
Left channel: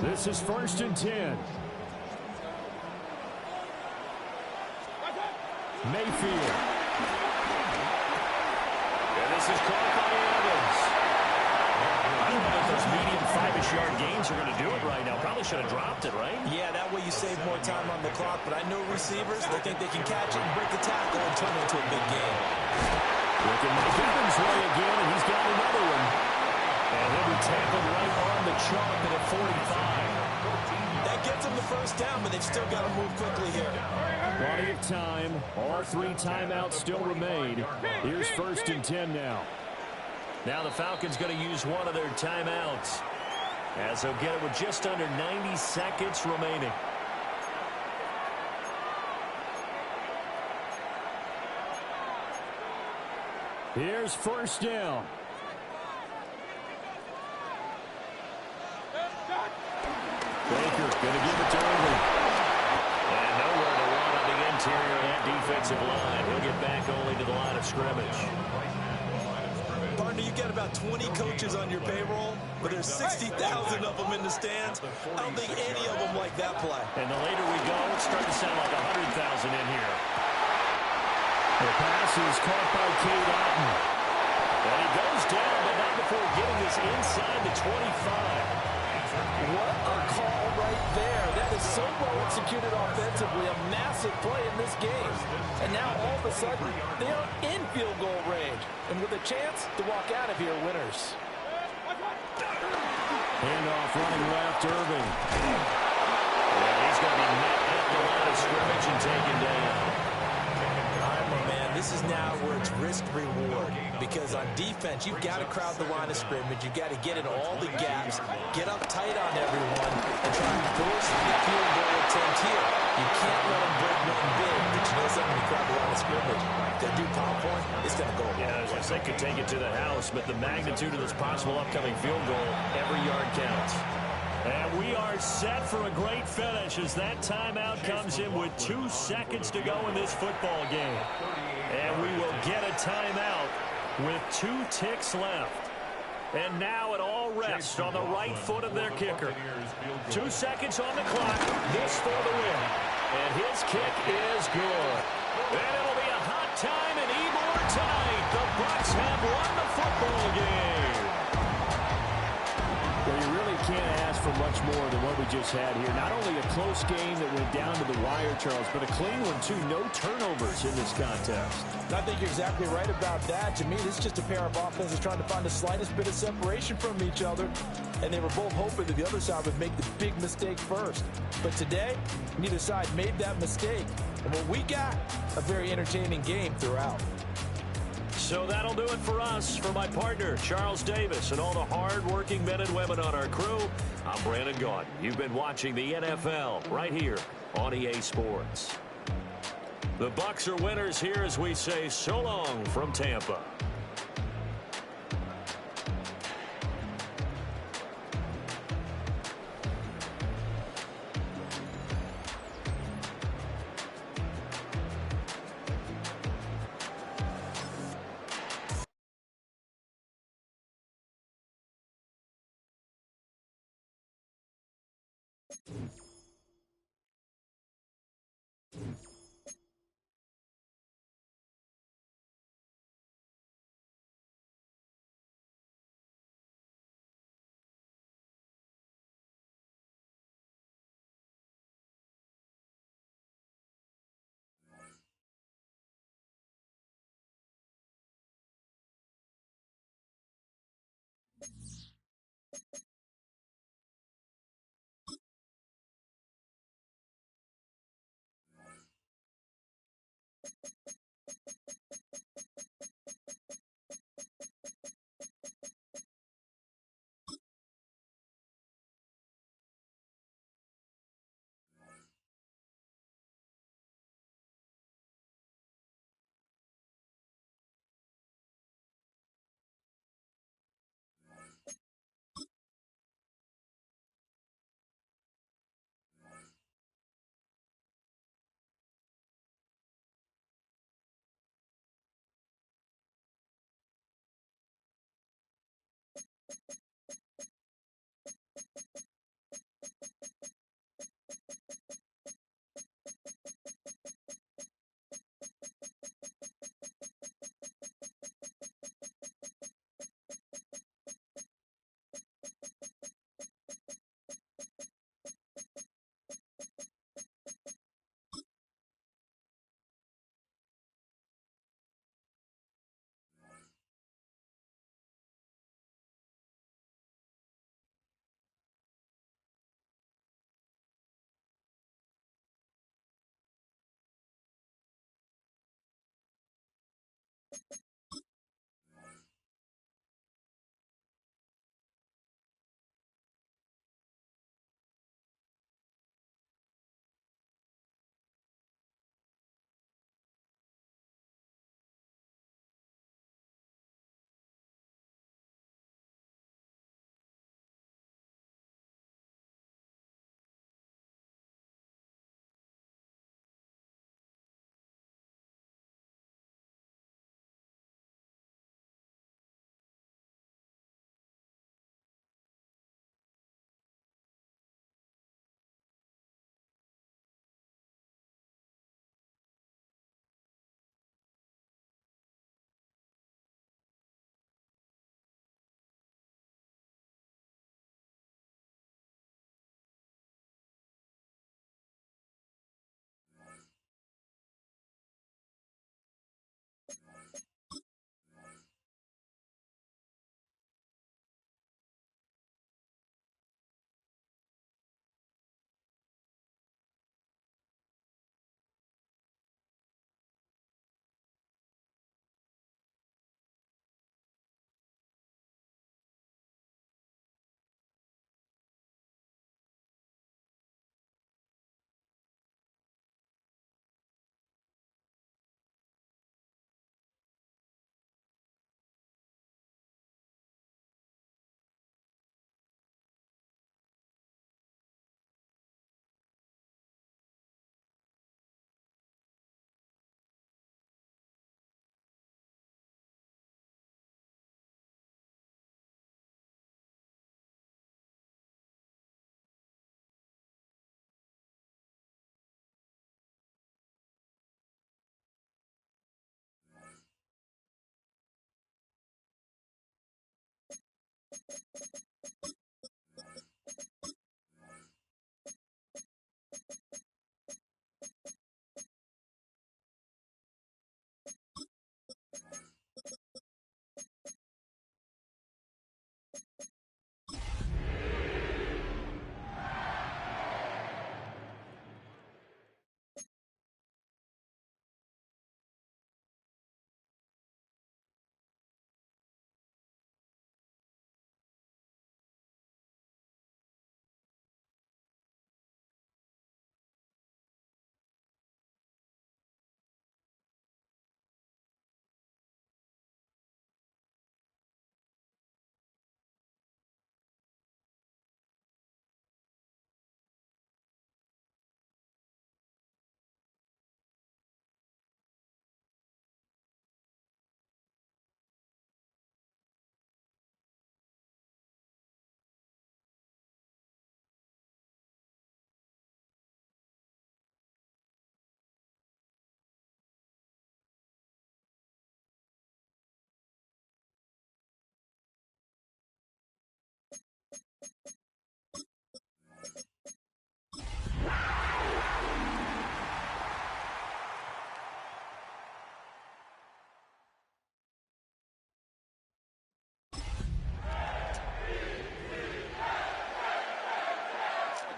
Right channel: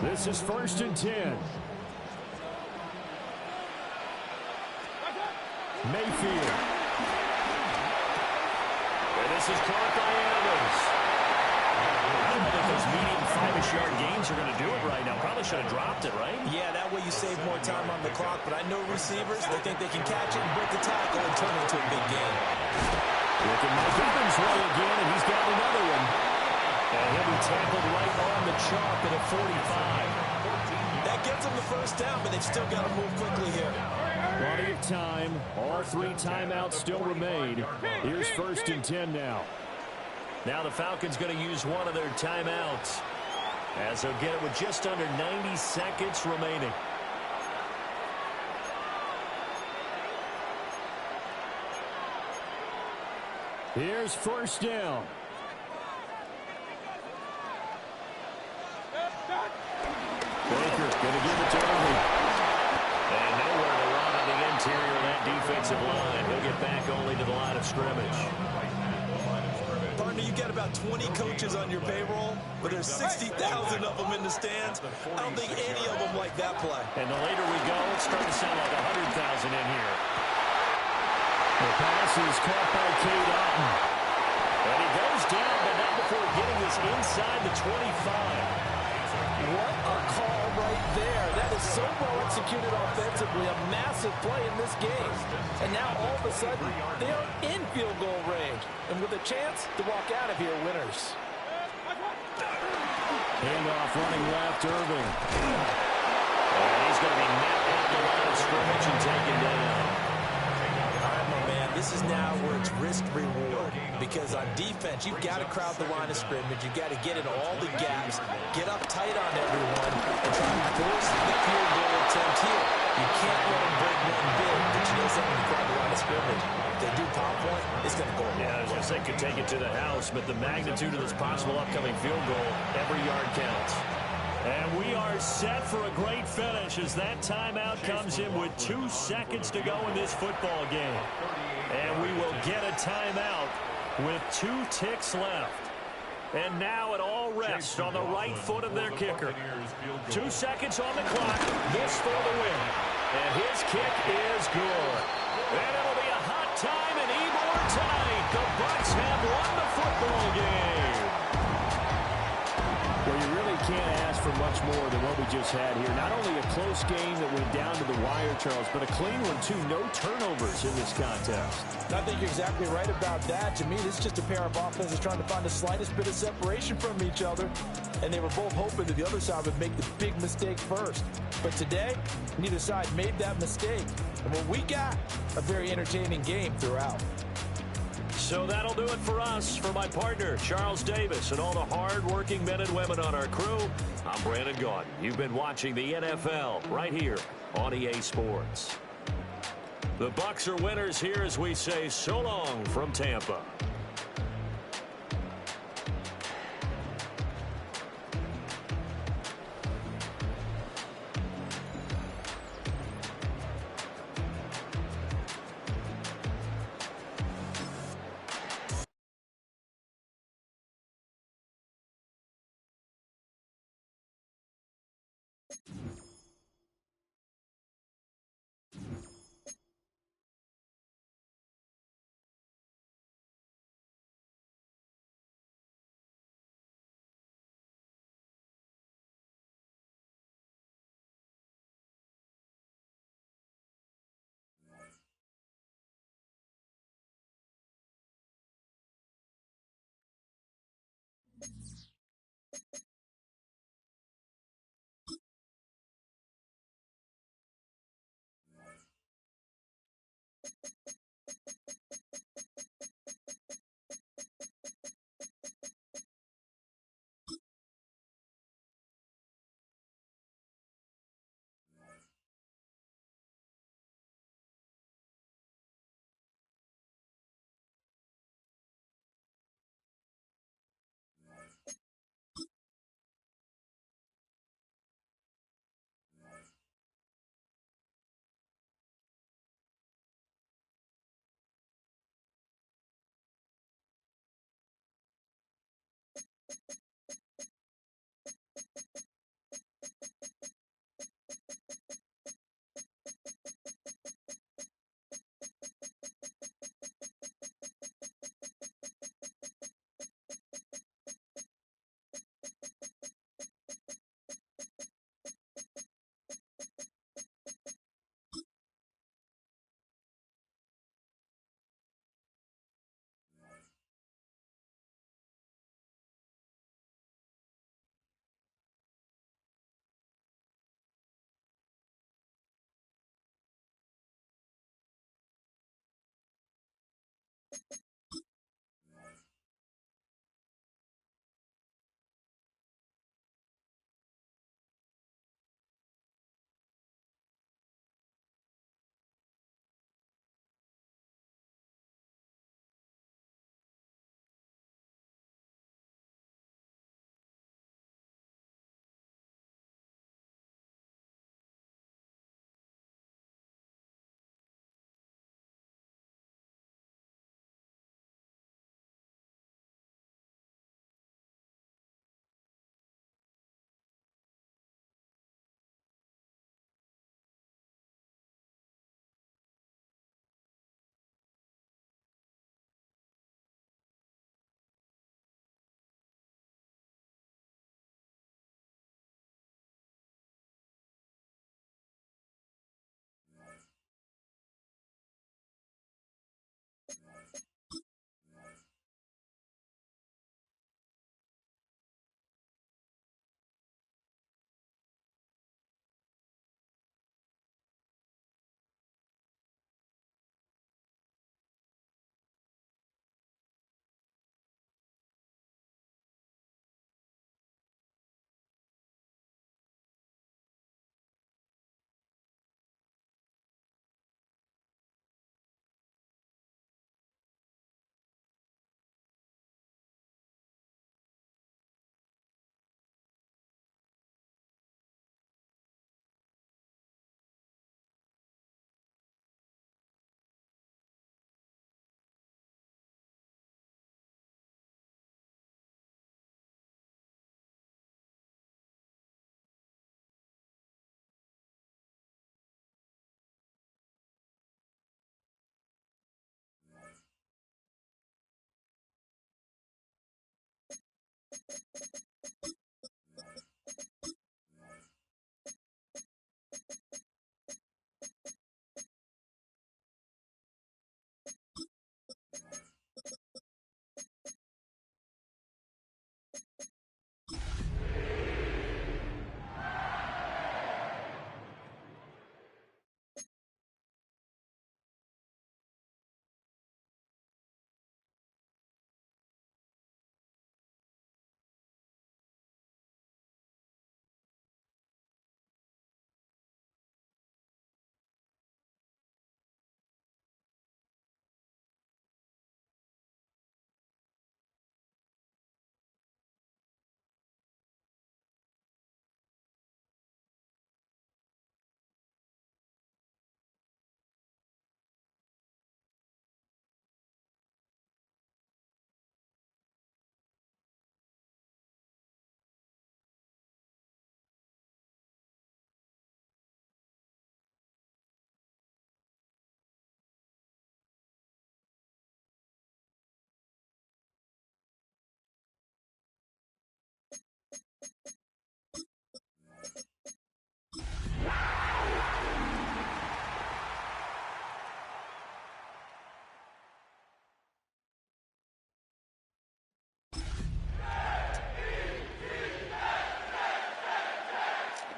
This is first and 10. Mayfield. And this is caught by Evans. I don't know that those medium 5-ish yard gains are going to do it right now. Probably should have dropped it, right? Yeah, that way you save more time on the clock. But I know receivers, they think they can catch it and break the tackle and turn it into a big game. Look at Mike Evans' way again, and he's got another one. And he'll be tackled right on the chalk at a 45. That gets them the first down, but they've still got to move quickly here. Plenty of time. All 3 timeouts still remain. Here's first and 10 now. Now the Falcons going to use one of their timeouts as they'll get it with just under 90 seconds remaining. Here's first down. Baker going to give it to Irving. And nowhere to run on the interior of that defensive line. He'll get back only to the line of scrimmage. Partner, you got about 20 coaches on your payroll, but there's 60,000 of them in the stands. I don't think any of them like that play. And the later we go, it's starting to sound like 100,000 in here. The pass is caught by Cade Otton. And he goes down, but not before getting this inside the 25. What a call right there. That is so well executed offensively. A massive play in this game. And now all of a sudden, they are in field goal range. And with a chance to walk out of here winners. Handoff running left, Irving. And he's going to be met at the line of scrimmage and taken down. All right, my man, this is now where it's risk-reward. Because on defense, you've got to crowd the line of scrimmage. You've got to get in all the gaps, get up tight on everyone, and try to force the field goal attempt here. You can't let them break one big. But you know something, when you crowd the line of scrimmage, if they do pound point, it's going to go away. Yeah, as they could take it to the house, but the magnitude of this possible upcoming field goal, every yard counts. And we are set for a great finish as that timeout comes in with 2 seconds to go in this football game. And we will get a timeout with 2 ticks left. And now it all rests on the right foot of their kicker. 2 seconds on the clock. This for the win. And his kick is good. And it'll be a hot time in Ybor tonight. The Bucs have won the football game. Well, you really can't ask for much more than what we just had here. Not only a close game that went down to the wire, Charles, but a clean one, too. No turnovers in this contest. I think you're exactly right about that. To me, this is just a pair of offenses trying to find the slightest bit of separation from each other. And they were both hoping that the other side would make the big mistake first. But today, neither side made that mistake. And what we got, a very entertaining game throughout. So that'll do it for us. For my partner, Charles Davis, and all the hard-working men and women on our crew, I'm Brandon Gaudin. You've been watching the NFL right here on EA Sports. The Bucs are winners here as we say so long from Tampa.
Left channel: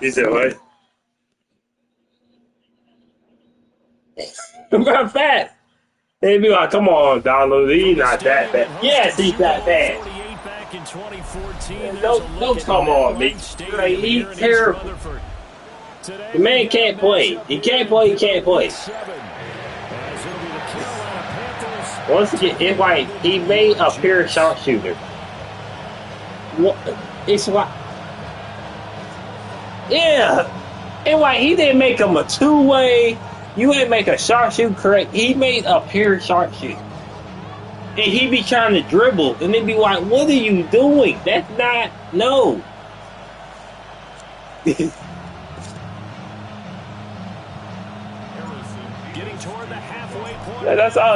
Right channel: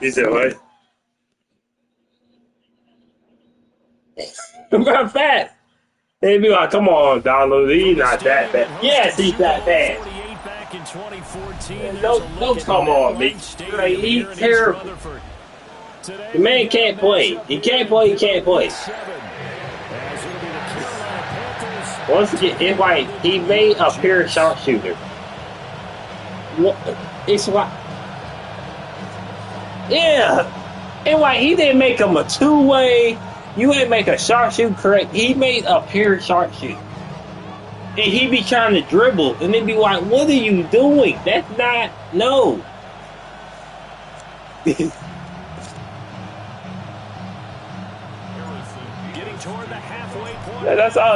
He said, what? I'm fast. They'd be like, come on, Donald, he's not that bad. Yes, he's that bad. Don't come on me. Like, he's terrible. The man can't play. He can't play, he can't play. Once again, it's like he made a pure sharpshooter. It's like, yeah. And like, he didn't make him a two-way. You ain't make a sharpshooter correct. He made a pure sharpshooter. And he be trying to dribble. And they be like, what are you doing? That's not, no. Getting toward the halfway point. That's all.